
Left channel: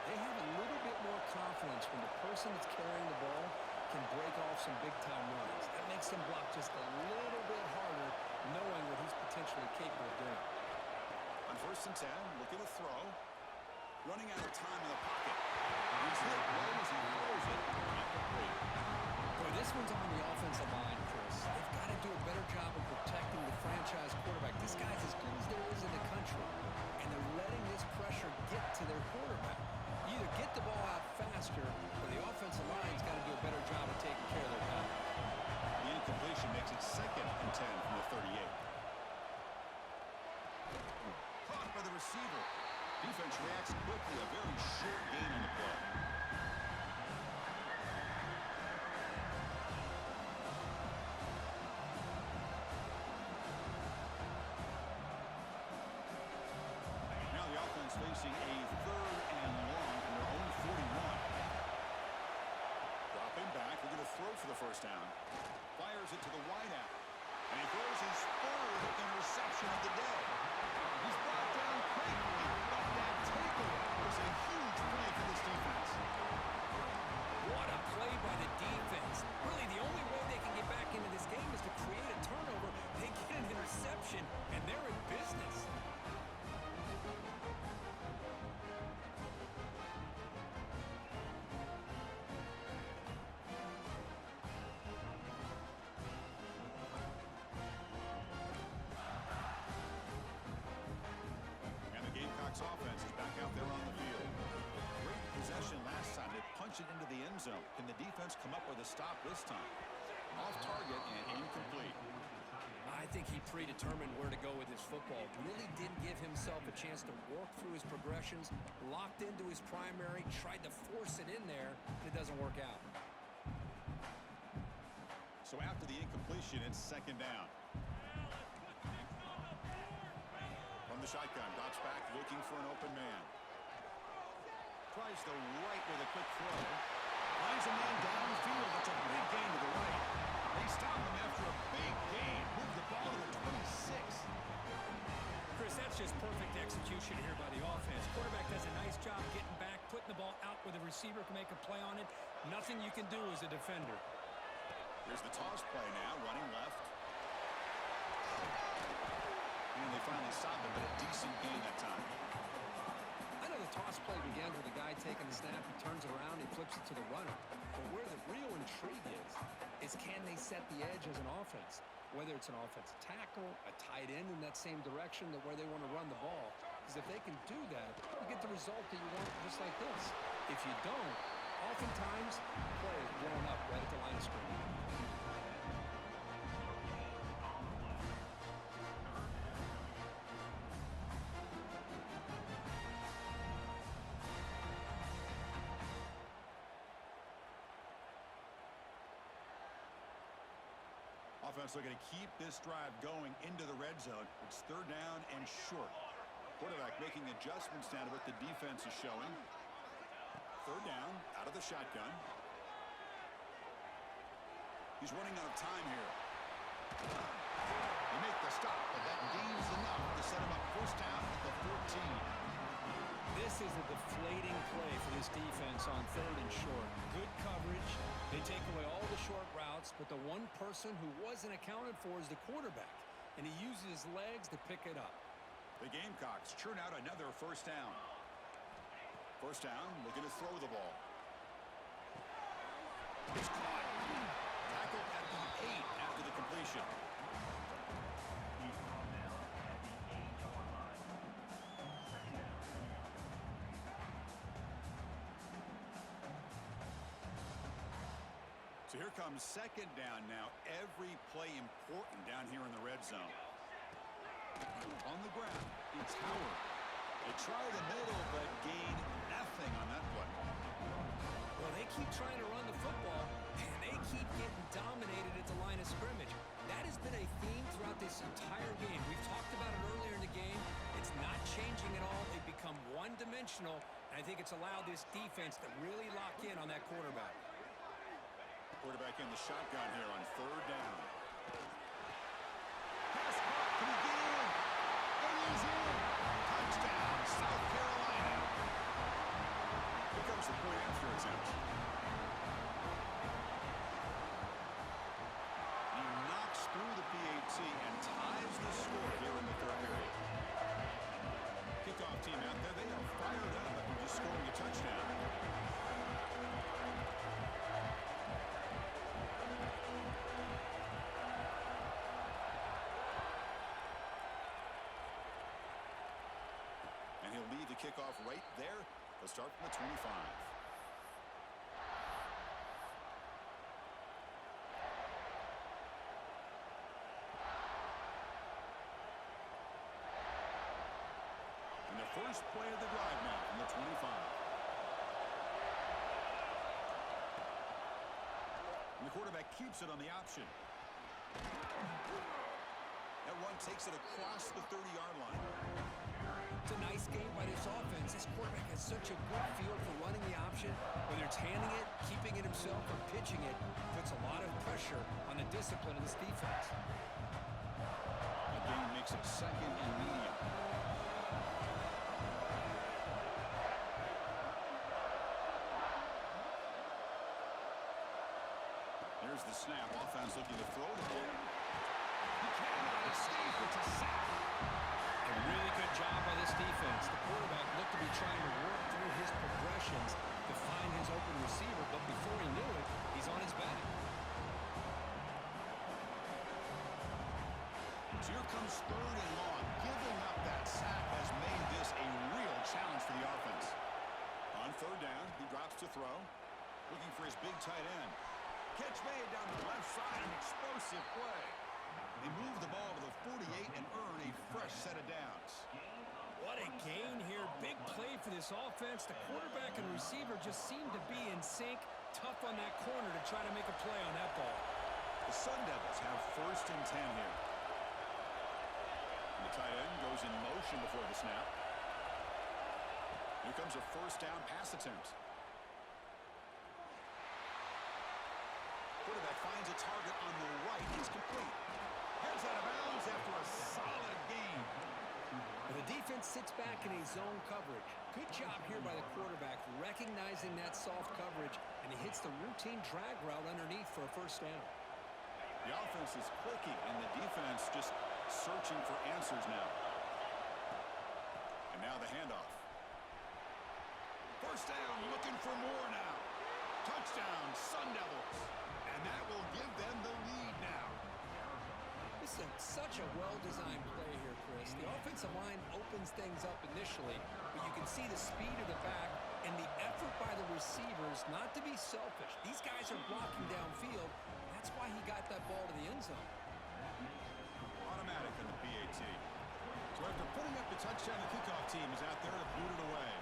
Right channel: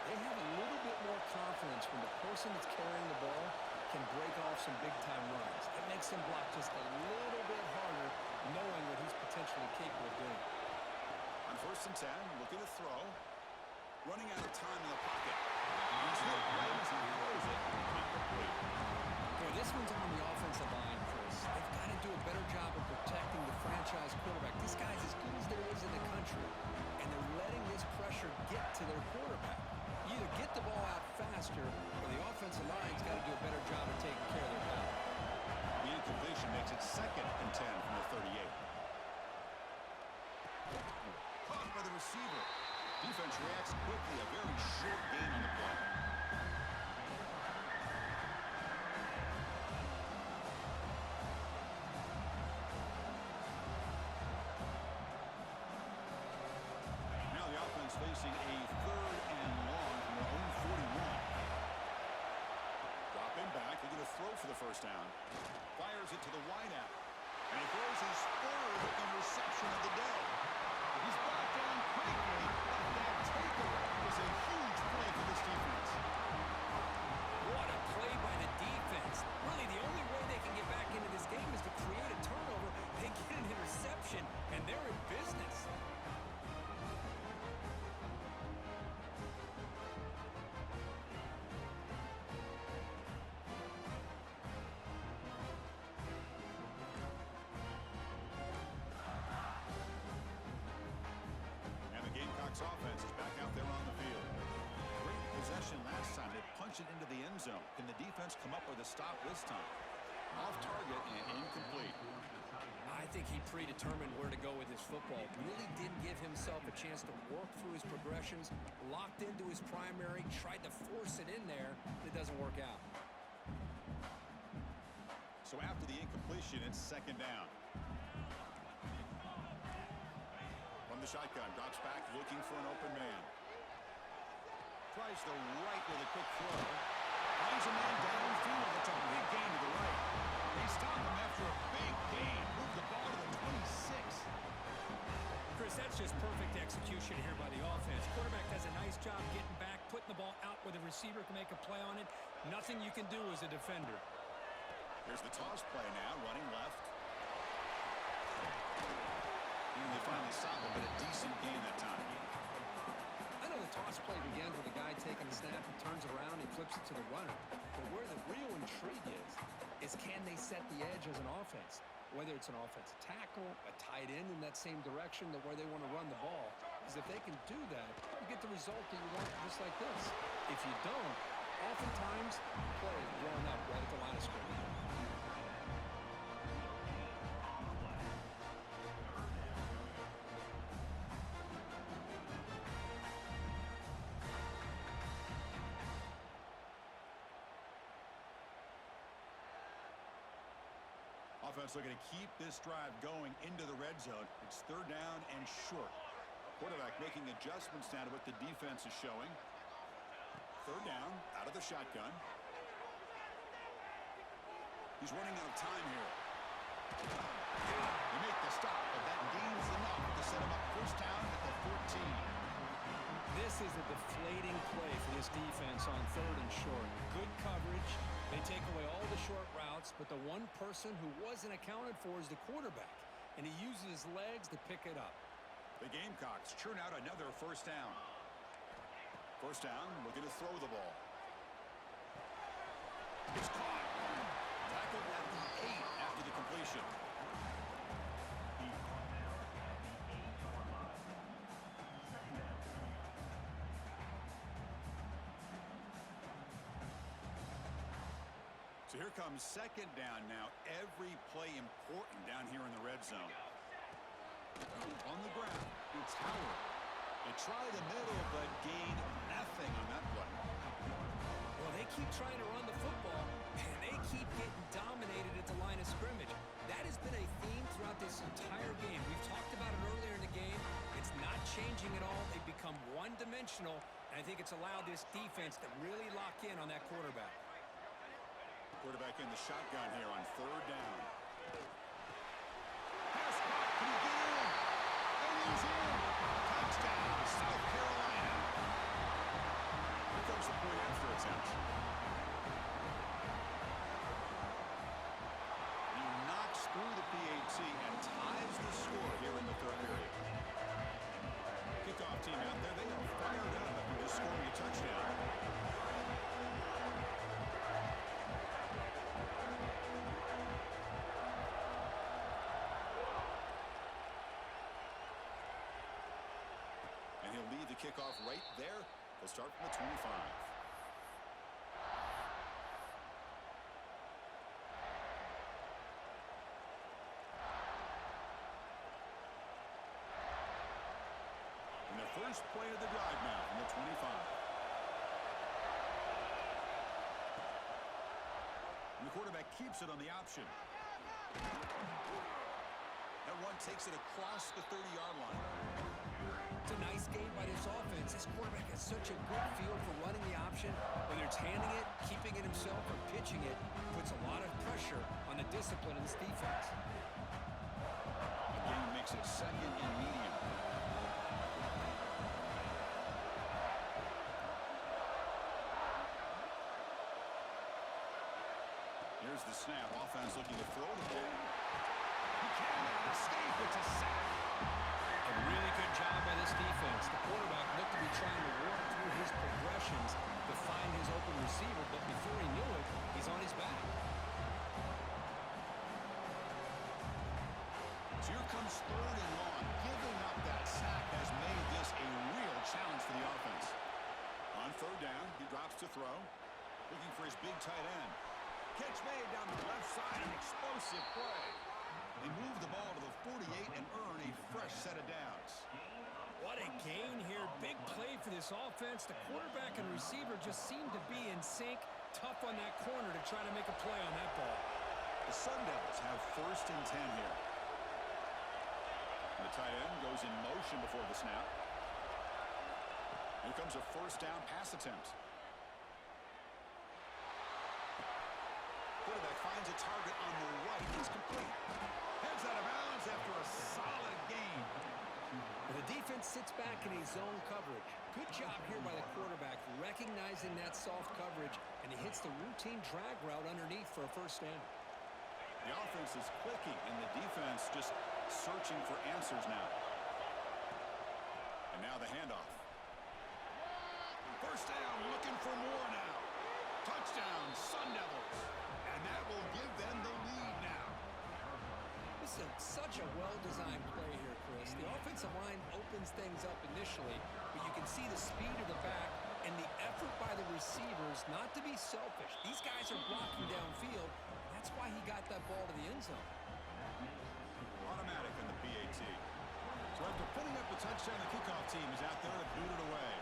they have a little bit more confidence when the person that's carrying the ball can break off some big-time runs. That makes them block just a little bit harder, knowing what he's potentially capable of doing. On 1st and 10, looking to throw. Running out of time in the pocket. He's hit right as he throws it. Incomplete. Boy, this one's on the offensive line, Chris. They've got to do a better job of protecting the franchise quarterback. This guy's as good as there is in the country, and they're letting this pressure get to their quarterback. You either get the ball out faster, or the offensive line's got to do a better job of taking care of their guy. The incompletion makes it 2nd and 10 from the 38. Caught by the receiver. Defense reacts quickly. A very short gain on the play. Now the offense facing a 3rd and long from their own 41. Dropping back. They're going to throw for the 1st down. Fires it to the wideout. And he throws his 3rd interception of the day. He's brought down quickly, but that takeaway was a huge play for this defense. What a play by the defense. Really, the only way they can get back into this game is to create a turnover. They get an interception, and they're in business. Gamecocks offense is back out there on the field. Great possession last time. They punch it into the end zone. Can the defense come up with a stop this time? Off target and incomplete. I think he predetermined where to go with his football. Really didn't give himself a chance to work through his progressions. Locked into his primary, tried to force it in there, and it doesn't work out. So after the incompletion, it's 2nd down. From the shotgun, drops back, looking for an open man. Tries the right with a quick throw. Finds a man downfield. That's a big gain to the right. They stop him after a big gain. Move the ball to the 26. Chris, that's just perfect execution here by the offense. Quarterback does a nice job getting back, putting the ball out where the receiver can make a play on it. Nothing you can do as a defender. Here's the toss play now, running left. And they finally stop him, but a decent gain that time. I know the toss play begins with the guy taking the snap. He turns it around, he flips it to the runner. But where the real intrigue is can they set the edge as an offense? Whether it's an offensive tackle, a tight end in that same direction where they want to run the ball. Because if they can do that, you get the result that you want just like this. If you don't, oftentimes, the play is blown up right at the line of scrimmage. Offense looking to keep this drive going into the red zone. It's 3rd down and short. Quarterback making adjustments now to what the defense is showing. 3rd down, out of the shotgun. He's running out of time here. They make the stop, but that gain is enough to set him up 1st down at the 14. deflating play for this defense on 3rd and short. Good coverage. They take away all the short routes, but the one person who wasn't accounted for is the quarterback, and he uses his legs to pick it up. The Gamecocks churn out another first down. First down, looking to throw the ball. It's caught. Tackled at the 8 after the completion. So here comes 2nd down now. Every play important down here in the red zone. On the ground, it's Howard. They try the middle, but gain nothing on that play. Well, they keep trying to run the football, and they keep getting dominated at the line of scrimmage. That has been a theme throughout this entire game. We've talked about it earlier in the game. It's not changing at all. They've become one-dimensional, and I think it's allowed this defense to really lock in on that quarterback. Quarterback in the shotgun here on 3rd down. Pass caught. Can he get in? And he's in. Touchdown, South Carolina. Here comes the point after attempt. He knocks through the PAT and ties the score here in the 3rd period. Kickoff team out there. They are fired up after just scoring a touchdown. And he'll lead the kickoff right there. He'll start from the 25. And the first play of the drive now from the 25. And the quarterback keeps it on the option. That one takes it across the 30-yard line. It's a nice game by this offense. This quarterback has such a good feel for running the option. Whether it's handing it, keeping it himself, or pitching it, puts a lot of pressure on the discipline of this defense. Again, makes it 2nd and medium. Here's the snap. Offense looking to throw the ball. He cannot escape. It's a sack. A really good job by this defense. The quarterback looked to be trying to work through his progressions to find his open receiver, but before he knew it, he's on his back. So here comes 3rd and long. Giving up that sack has made this a real challenge for the offense. On 3rd down, he drops to throw, looking for his big tight end. Catch made down the left side, an explosive play. They move the ball to the 48 and earn a fresh set of downs. What a gain here. Big play for this offense. The quarterback and receiver just seem to be in sync. Tough on that corner to try to make a play on that ball. The Sun Devils have 1st and 10 here. And the tight end goes in motion before the snap. Here comes a 1st down pass attempt. Quarterback finds a target on the right. It's complete. Heads out of bounds after a solid gain. The defense sits back in a zone coverage. Good job here by the quarterback, recognizing that soft coverage, and he hits the routine drag route underneath for a 1st down. The offense is clicking, and the defense just searching for answers now. And now the handoff. 1st down, looking for more now. Touchdown, Sun Devils. And that will give them the lead now. This is such a well-designed play here, Chris. The offensive line opens things up initially, but you can see the speed of the back and the effort by the receivers not to be selfish. These guys are blocking downfield. That's why he got that ball to the end zone. Automatic on the PAT. So after putting up the touchdown, the kickoff team is out there to boot it away.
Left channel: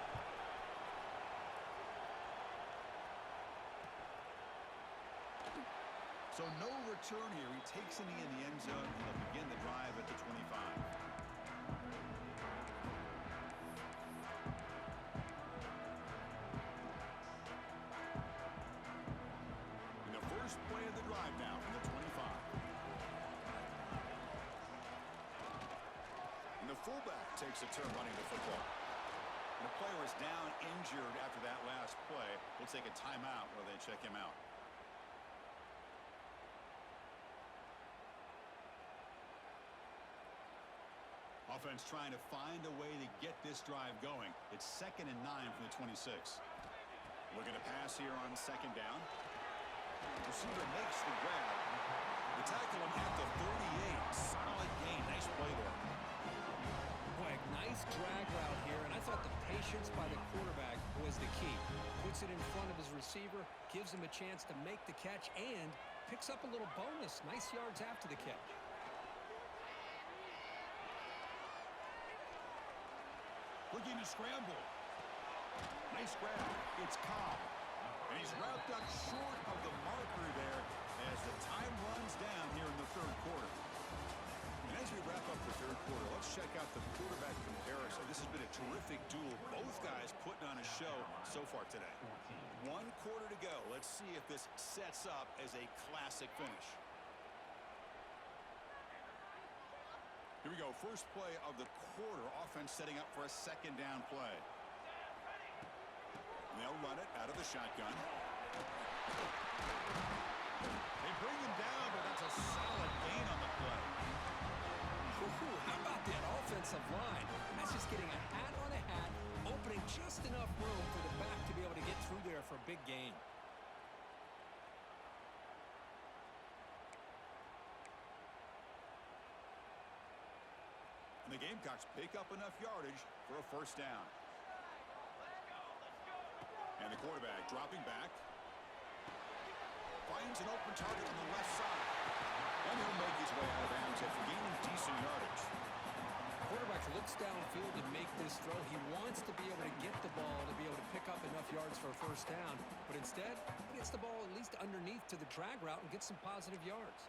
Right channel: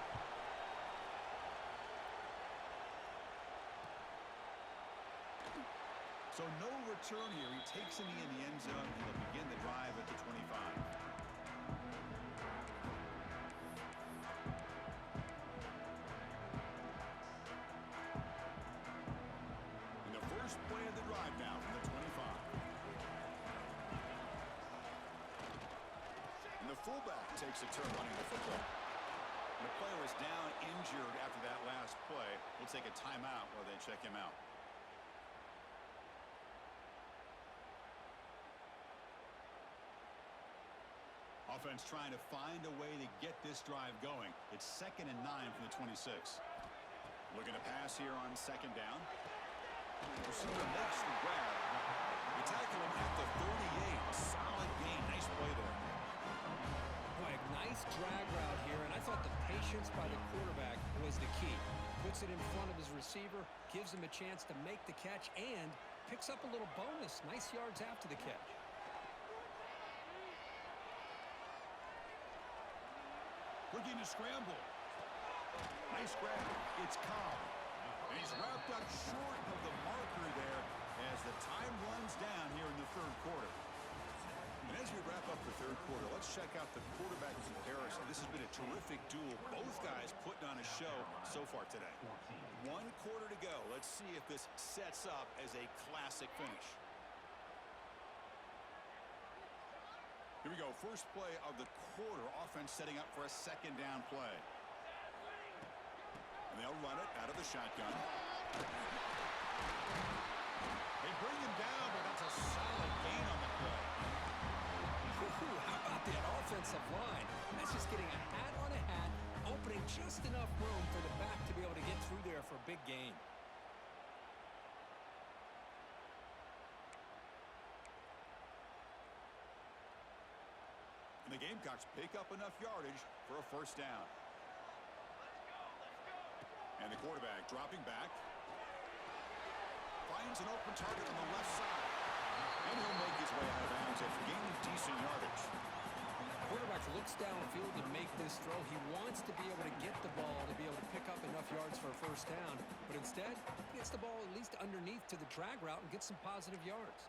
So no return here. He takes a knee in the end zone, and they'll begin the drive at the 25. And the first play of the drive now from the 25. And the fullback takes a turn running the football. And a player is down injured after that last play. We'll take a timeout while they check him out. Offense trying to find a way to get this drive going. It's 2nd and 9 from the 26. Looking to pass here on 2nd down. Receiver makes the grab. They tackle him at the 38. Solid gain. Nice play there. Boy, a nice drag route here, and I thought the patience by the quarterback was the key. Puts it in front of his receiver, gives him a chance to make the catch, and picks up a little bonus. Nice yards after the catch. Looking to scramble. Nice grab. It's Cobb. And he's wrapped up short of the marker there as the time runs down here in the 3rd quarter. And as we wrap up the 3rd quarter, let's check out the quarterback comparison. This has been a terrific duel. Both guys putting on a show so far today. 1 quarter to go. Let's see if this sets up as a classic finish. Here we go. First play of the quarter. Offense setting up for a 2nd down play. And they'll run it out of the shotgun. They bring him down, but that's a solid gain on the play. Ooh, how about that offensive line? That's just getting a hat on a hat, opening just enough room for the back to be able to get through there for a big gain. And the Gamecocks pick up enough yardage for a 1st down. And the quarterback dropping back. Finds an open target on the left side. And he'll make his way out of bounds after gaining decent yardage. Quarterback looks downfield to make this throw. He wants to be able to get the ball to be able to pick up enough yards for a 1st down. But instead, he gets the ball at least underneath to the drag route and gets some positive yards.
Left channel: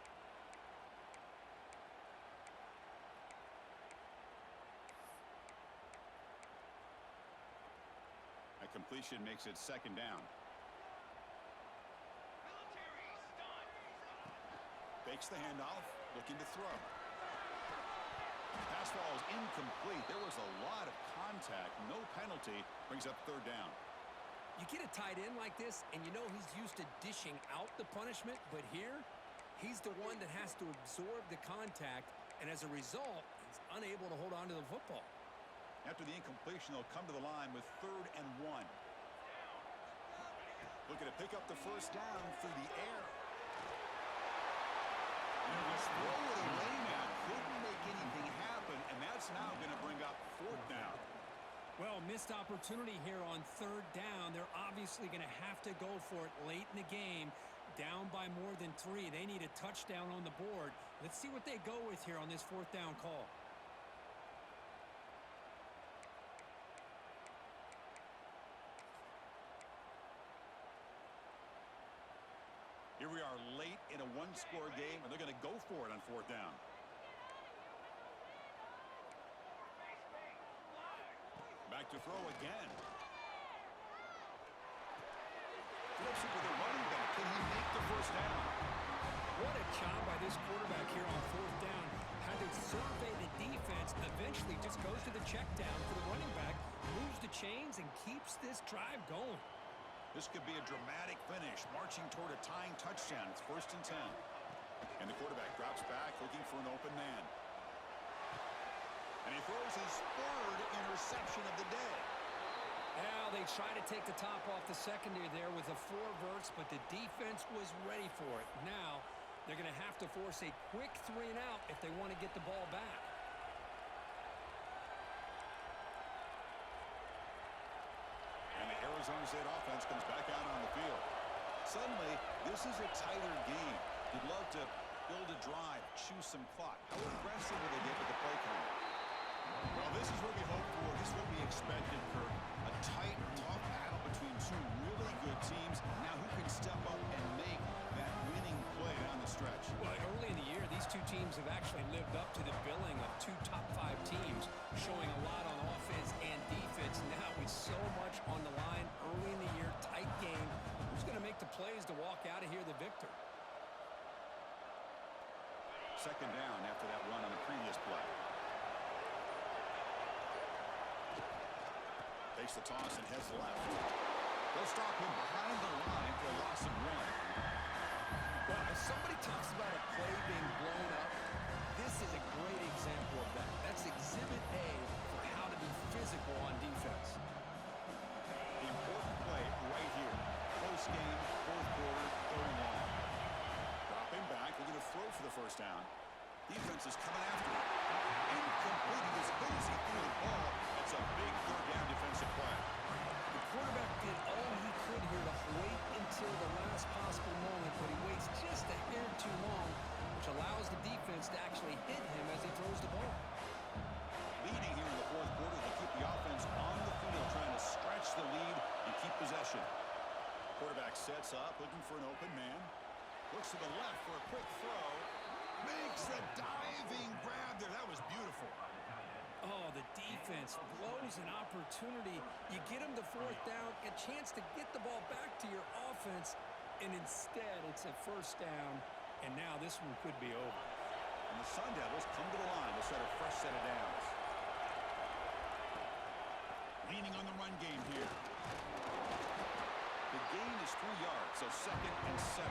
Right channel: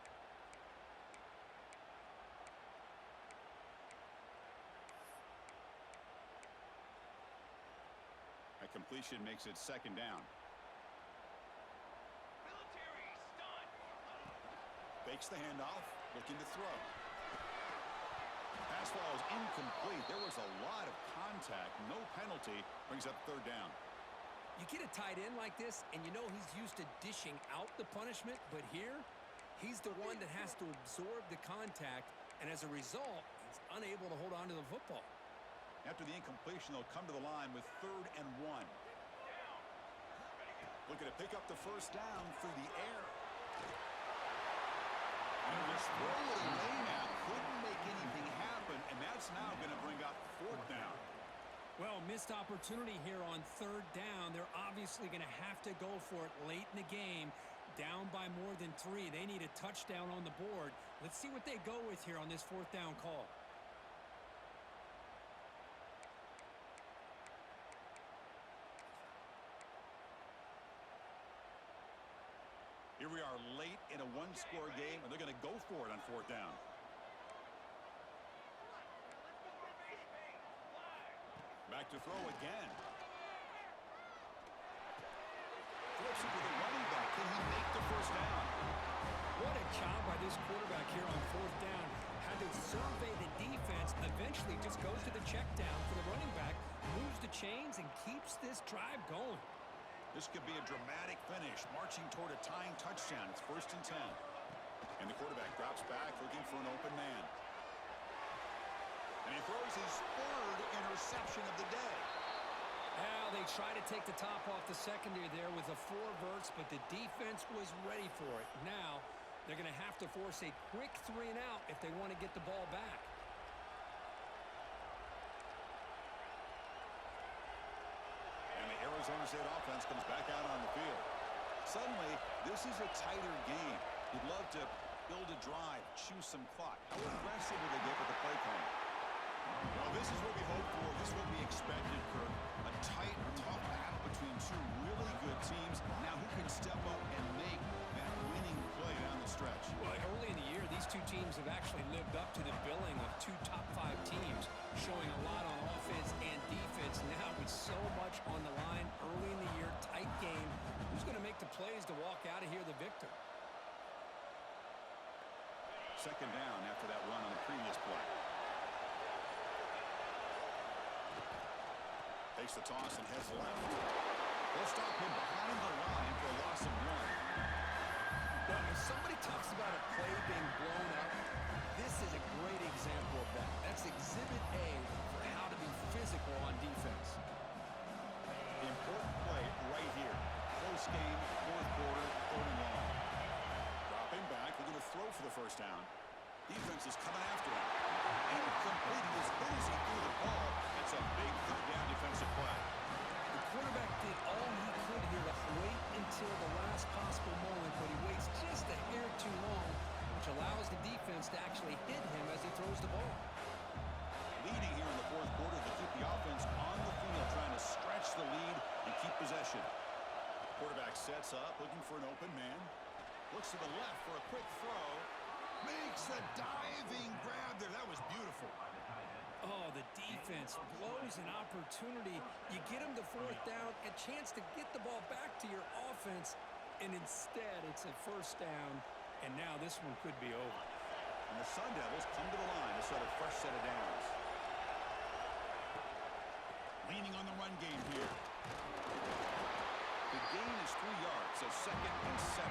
A completion makes it 2nd down. Fakes the handoff, looking to throw. Pass ball is incomplete. There was a lot of contact. No penalty. Brings up 3rd down. You get a tight end like this, and you know he's used to dishing out the punishment, but here, he's the one that has to absorb the contact, and as a result, he's unable to hold on to the football. After the incompletion, they'll come to the line with 3rd and 1. Looking to pick up the 1st down through the air. And he'll just throw it away now. Couldn't make anything happen, and that's now going to bring up 4th down. Well, missed opportunity here on 3rd down. They're obviously going to have to go for it late in the game. Down by more than 3. They need a touchdown on the board. Let's see what they go with here on this 4th down call. Here we are late in a 1-score game, and they're going to go for it on 4th down. Back to throw again. Flips it to the running back. Can he make the 1st down? What a job by this quarterback here on 4th down. Had to survey the defense. Eventually just goes to the check down for the running back. Moves the chains and keeps this drive going. This could be a dramatic finish, marching toward a tying touchdown. It's 1st and 10. And the quarterback drops back, looking for an open man. And he throws his 3rd interception of the day. Well, they try to take the top off the secondary there with the 4 verts, but the defense was ready for it. Now, they're going to have to force a quick 3 and out if they want to get the ball back. Arizona State offense comes back out on the field. Suddenly, this is a tighter game. You'd love to build a drive, choose some clock. How aggressive will they get with the play calling? Well, this is what we hope for. This is what we expected, Kirk. A tight, tough battle between 2 really good teams. Now who can step up and make that winning play down the stretch? Well, early in the year, these 2 teams have actually lived up to the billing of 2 top 5 teams, showing a lot on offense and defense. Now with so much on the line early in the year, tight game, who's going to make the plays to walk out of here the victor? 2nd down after that run on the previous play. Takes Fakes the toss and heads left. They'll stop him behind the line for a loss of 1. Well, if somebody talks about a play being blown up, this is a great example of that. That's Exhibit A for how to be physical on defense. The important play right here. Close game, fourth quarter, 3rd and long. Dropping back, they're going to throw for the first down. Defense is coming after him. And completing as good as he threw the ball. That's a big 3rd down defensive play. The quarterback did all he could here to wait until the last possible moment, but he waits just a hair too long, which allows the defense to actually hit him as he throws the ball. Leading here in the fourth quarter to keep the offense on the field, trying to stretch the lead and keep possession. Quarterback sets up, looking for an open man. Looks to the left for a quick throw. Makes the diving grab there. That was beautiful. Oh, the defense blows an opportunity. You get them to 4th down, a chance to get the ball back to your offense, and instead it's a 1st down, and now this one could be over. And the Sun Devils come to the line to start a fresh set of downs. Leaning on the run game here. The gain is 3 yards, so 2nd and 7.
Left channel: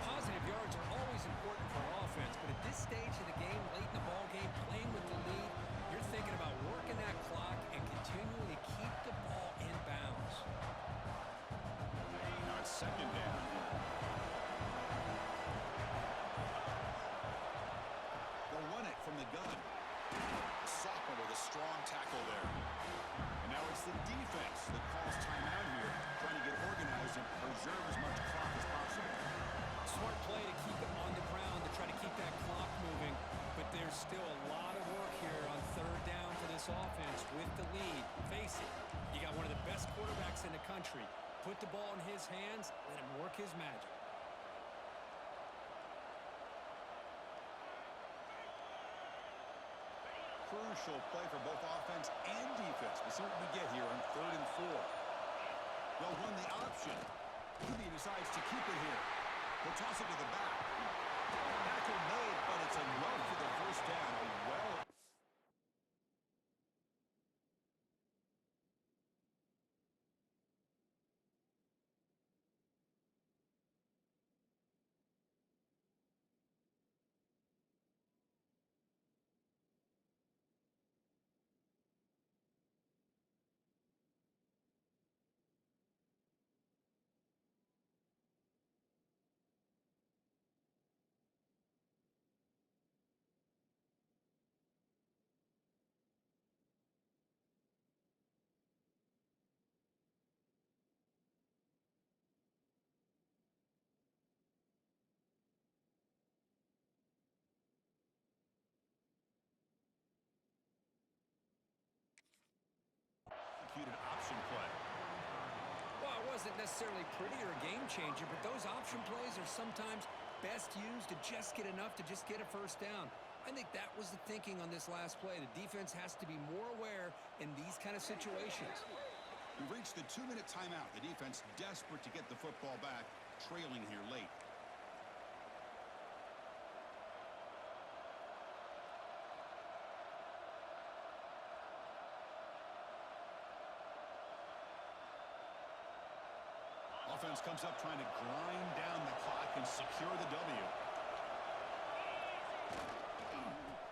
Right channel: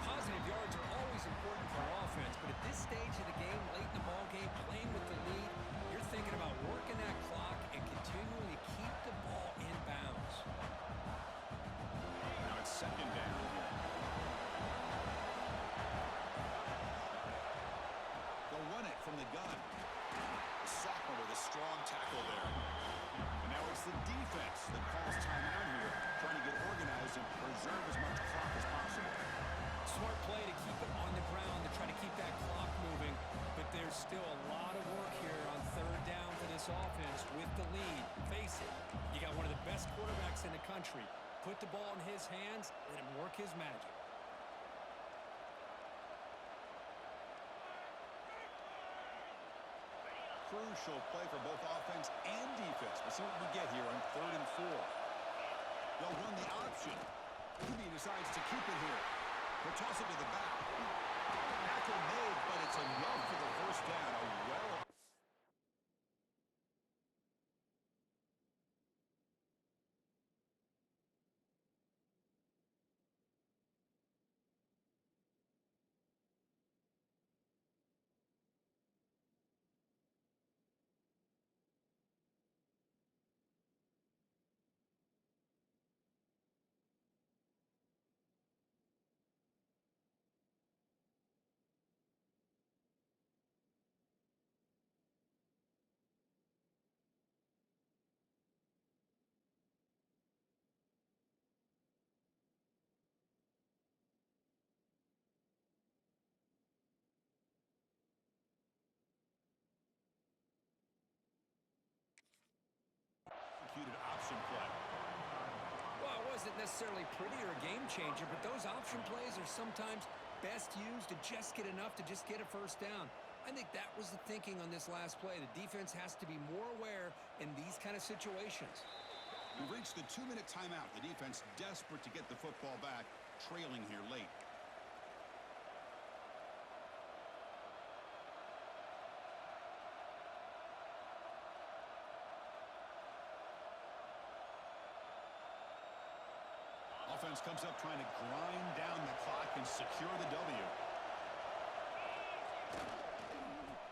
Positive yards are always important for an offense, but at this stage of the game, late in the ball game, playing with the lead, you're thinking about working that clock and continuing to keep the ball in bounds. Now it's 2nd down here. They'll run it from the gun. The sophomore with a strong tackle there. And now it's the defense that calls timeout here, trying to get organized and preserve as much clock as possible. Smart play to keep it on the ground to try to keep that clock moving, but there's still a lot of work here on 3rd down for this offense with the lead. Face it, you got one of the best quarterbacks in the country. Put the ball in his hands, let him work his magic. Crucial play for both offense and defense. We'll see what we get here on 3rd and 4. They'll run the option. He decides to keep it here. He'll toss it to the back. Tackle made, but it's enough for the 1st down. Executed option play. Well, it wasn't necessarily pretty or a game changer, but those option plays are sometimes best used to just get enough to just get a 1st down. I think that was the thinking on this last play. The defense has to be more aware in these kind of situations. We've reached the 2-minute timeout. The defense desperate to get the football back, trailing here late. Offense comes up trying to grind down the clock and secure the W.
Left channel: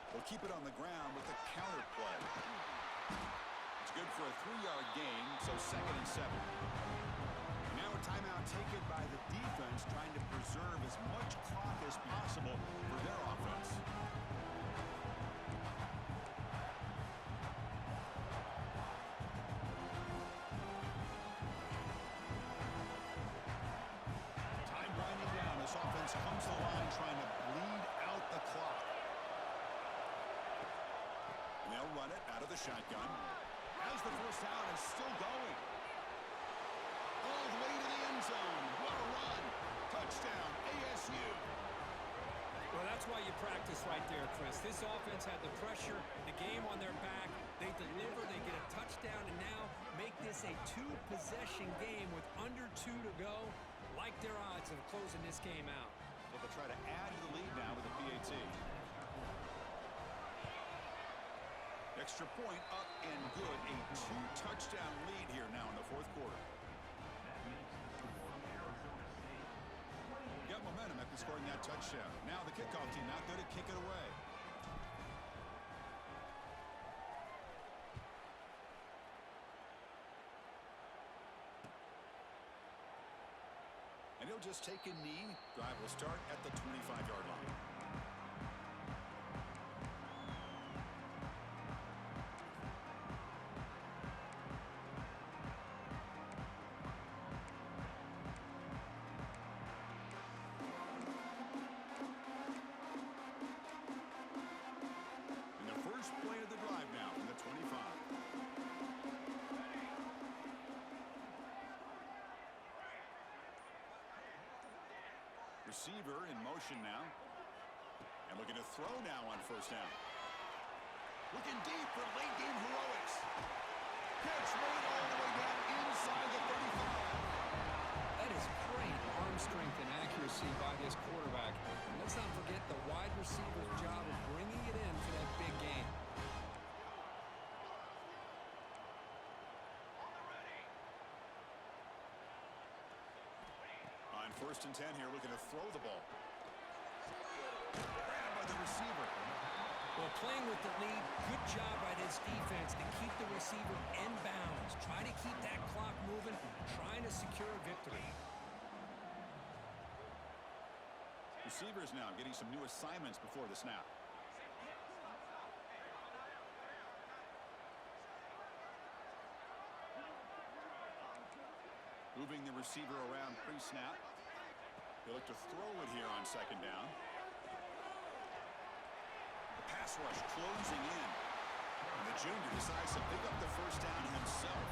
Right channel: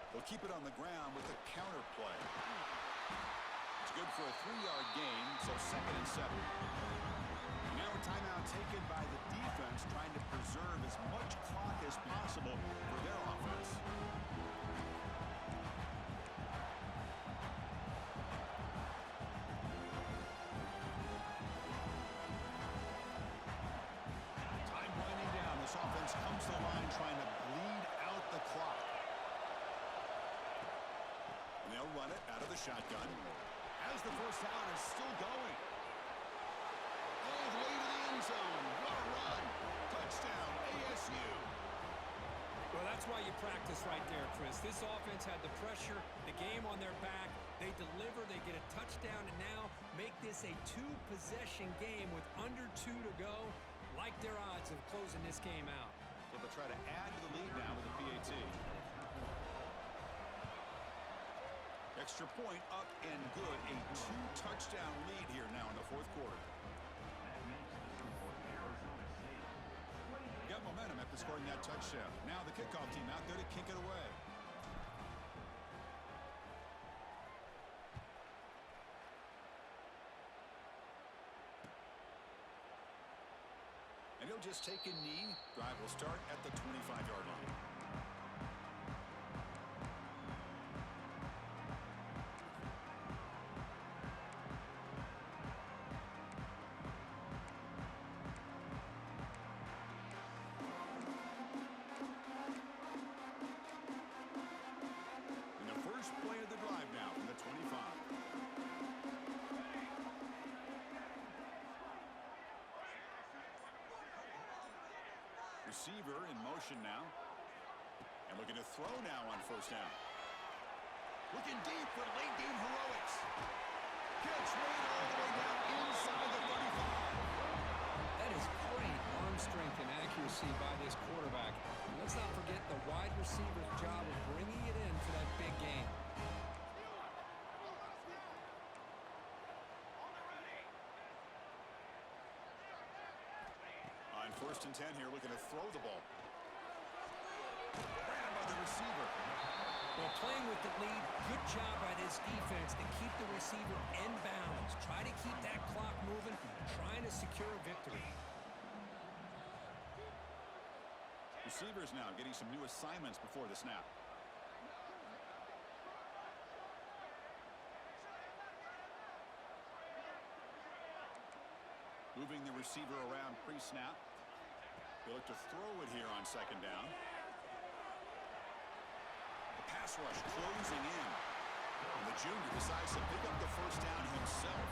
They'll keep it on the ground with the counter play. It's good for a 3-yard gain, so 2nd and 7. And now a timeout taken by the defense, trying to preserve as much clock as possible for their offense. This offense comes to the line trying to bleed out the clock. And they'll run it out of the shotgun. As the 1st down is still going. All the way to the end zone. What a run. Touchdown, ASU. Well, that's why you practice right there, Chris. This offense had the pressure, the game on their back. They deliver, they get a touchdown, and now make this a 2-possession game with under 2 to go. Like their odds of closing this game out. So they'll try to add to the lead now with the PAT. extra point up and good. A 2-touchdown lead here now in the fourth quarter. Got momentum after scoring that touchdown. Now the kickoff team out there to kick it away. And he'll just take a knee. Drive will start at the 25-yard line. And the first play of the drive now from the 25. Receiver in motion now. And looking to throw now on first down. Looking deep for late game heroics. Catch made all the way down inside the 35. That is great arm strength and accuracy by this quarterback. And let's not forget the wide receiver's job of bringing it in for that big game. On first and 10 here, looking to throw the ball. Grabbed by the receiver. Well, playing with the lead, good job by this defense to keep the receiver in bounds. Try to keep that clock moving, trying to secure a victory. Receivers now getting some new assignments before the snap. Moving the receiver around pre-snap. They look to throw it here on second down. The pass rush closing in. And the junior decides to pick up the first down himself.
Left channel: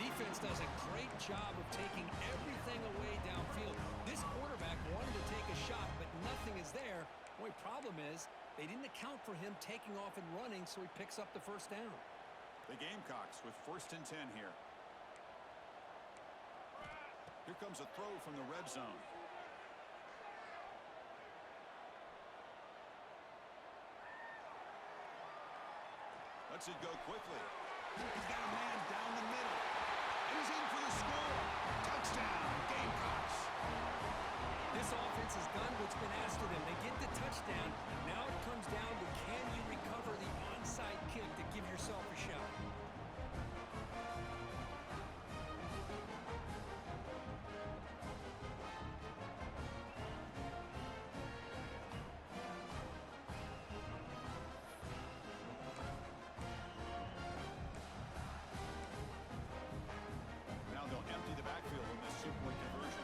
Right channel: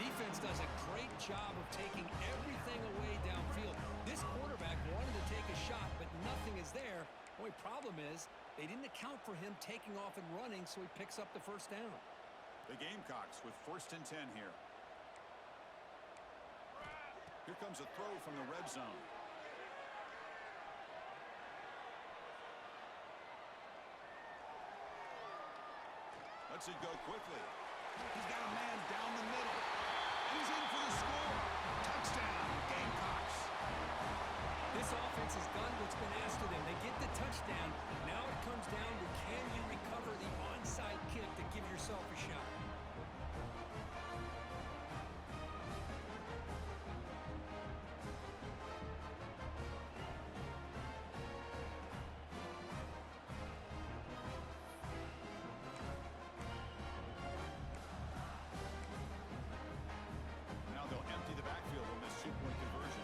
Defense does a great job of taking everything away downfield. This quarterback wanted to take a shot, but nothing is there. The only problem is they didn't account for him taking off and running, so he picks up the first down. The Gamecocks with first and 10 here. Here comes a throw from the red zone. Lets it go quickly. He's got a man down the middle. And he's in for the score. Touchdown, Gamecocks. This offense has done what's been asked of them. They get the touchdown. Now it comes down to can you recover the onside kick to give yourself a shot. They'll empty the backfield on this two-point conversion.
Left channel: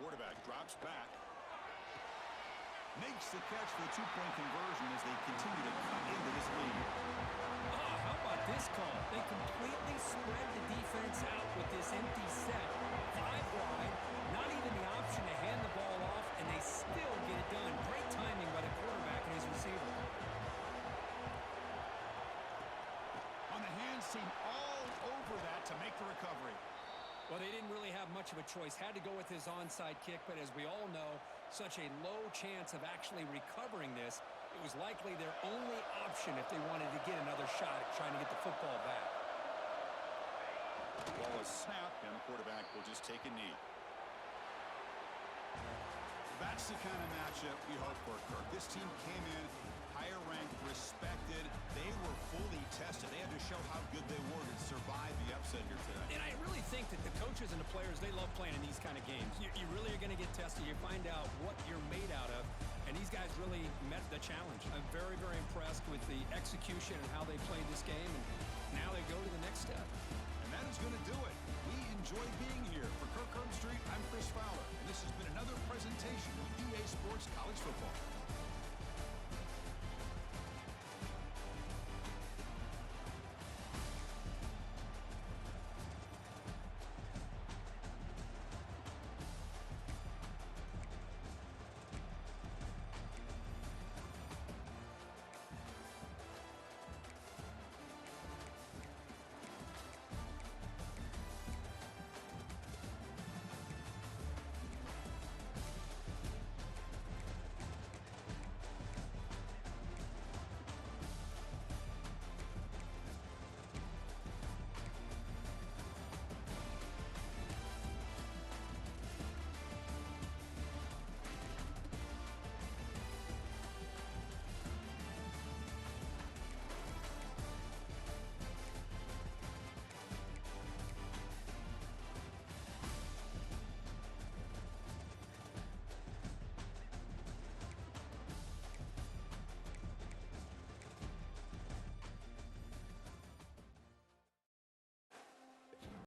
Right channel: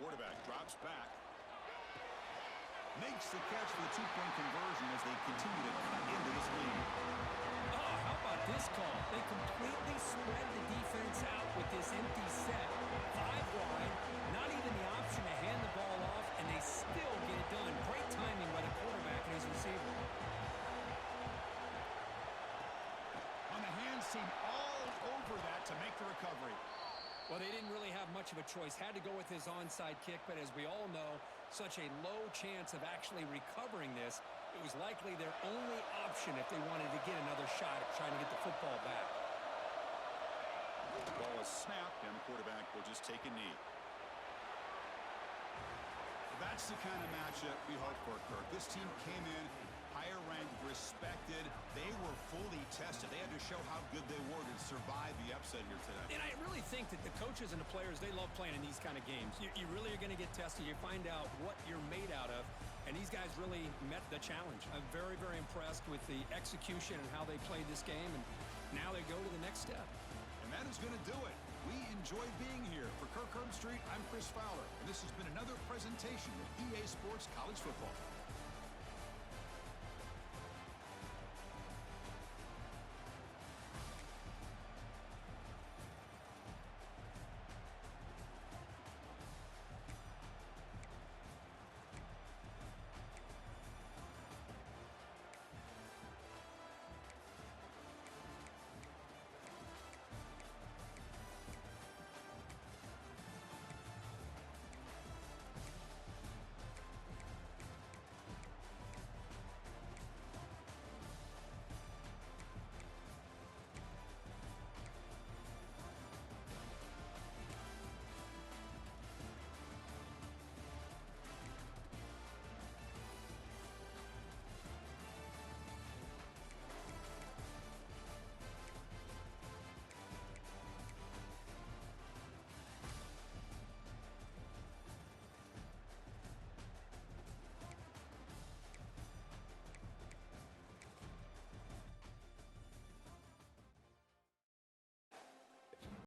Quarterback drops back. Makes the catch for the two-point conversion as they continue to cut into this lead. Oh, how about this call? They completely spread the defense out with this empty set. 5 wide, not even the option to hand the ball off, and they still get it done. Great timing by the quarterback and his receiver. Seem all over that to make the recovery. Well, they didn't really have much of a choice. Had to go with his onside kick, but as we all know, such a low chance of actually recovering this. It was likely their only option if they wanted to get another shot at trying to get the football back. The ball is snapped, and the quarterback will just take a knee. That's the kind of matchup we hope for, Kirk. This team came in higher ranked, respected. They were fully tested. They had to show how good they were to survive the upset here today. And I really think that the coaches and the players, they love playing in these kind of games. You really are going to get tested. You find out what you're made out of. And these guys really met the challenge. I'm very, very impressed with the execution and how they played this game. And now they go to the next step. And that is going to do it. We enjoy being here. For Kirk Herbstreit, I'm Chris Fowler. And this has been another presentation of EA Sports College Football.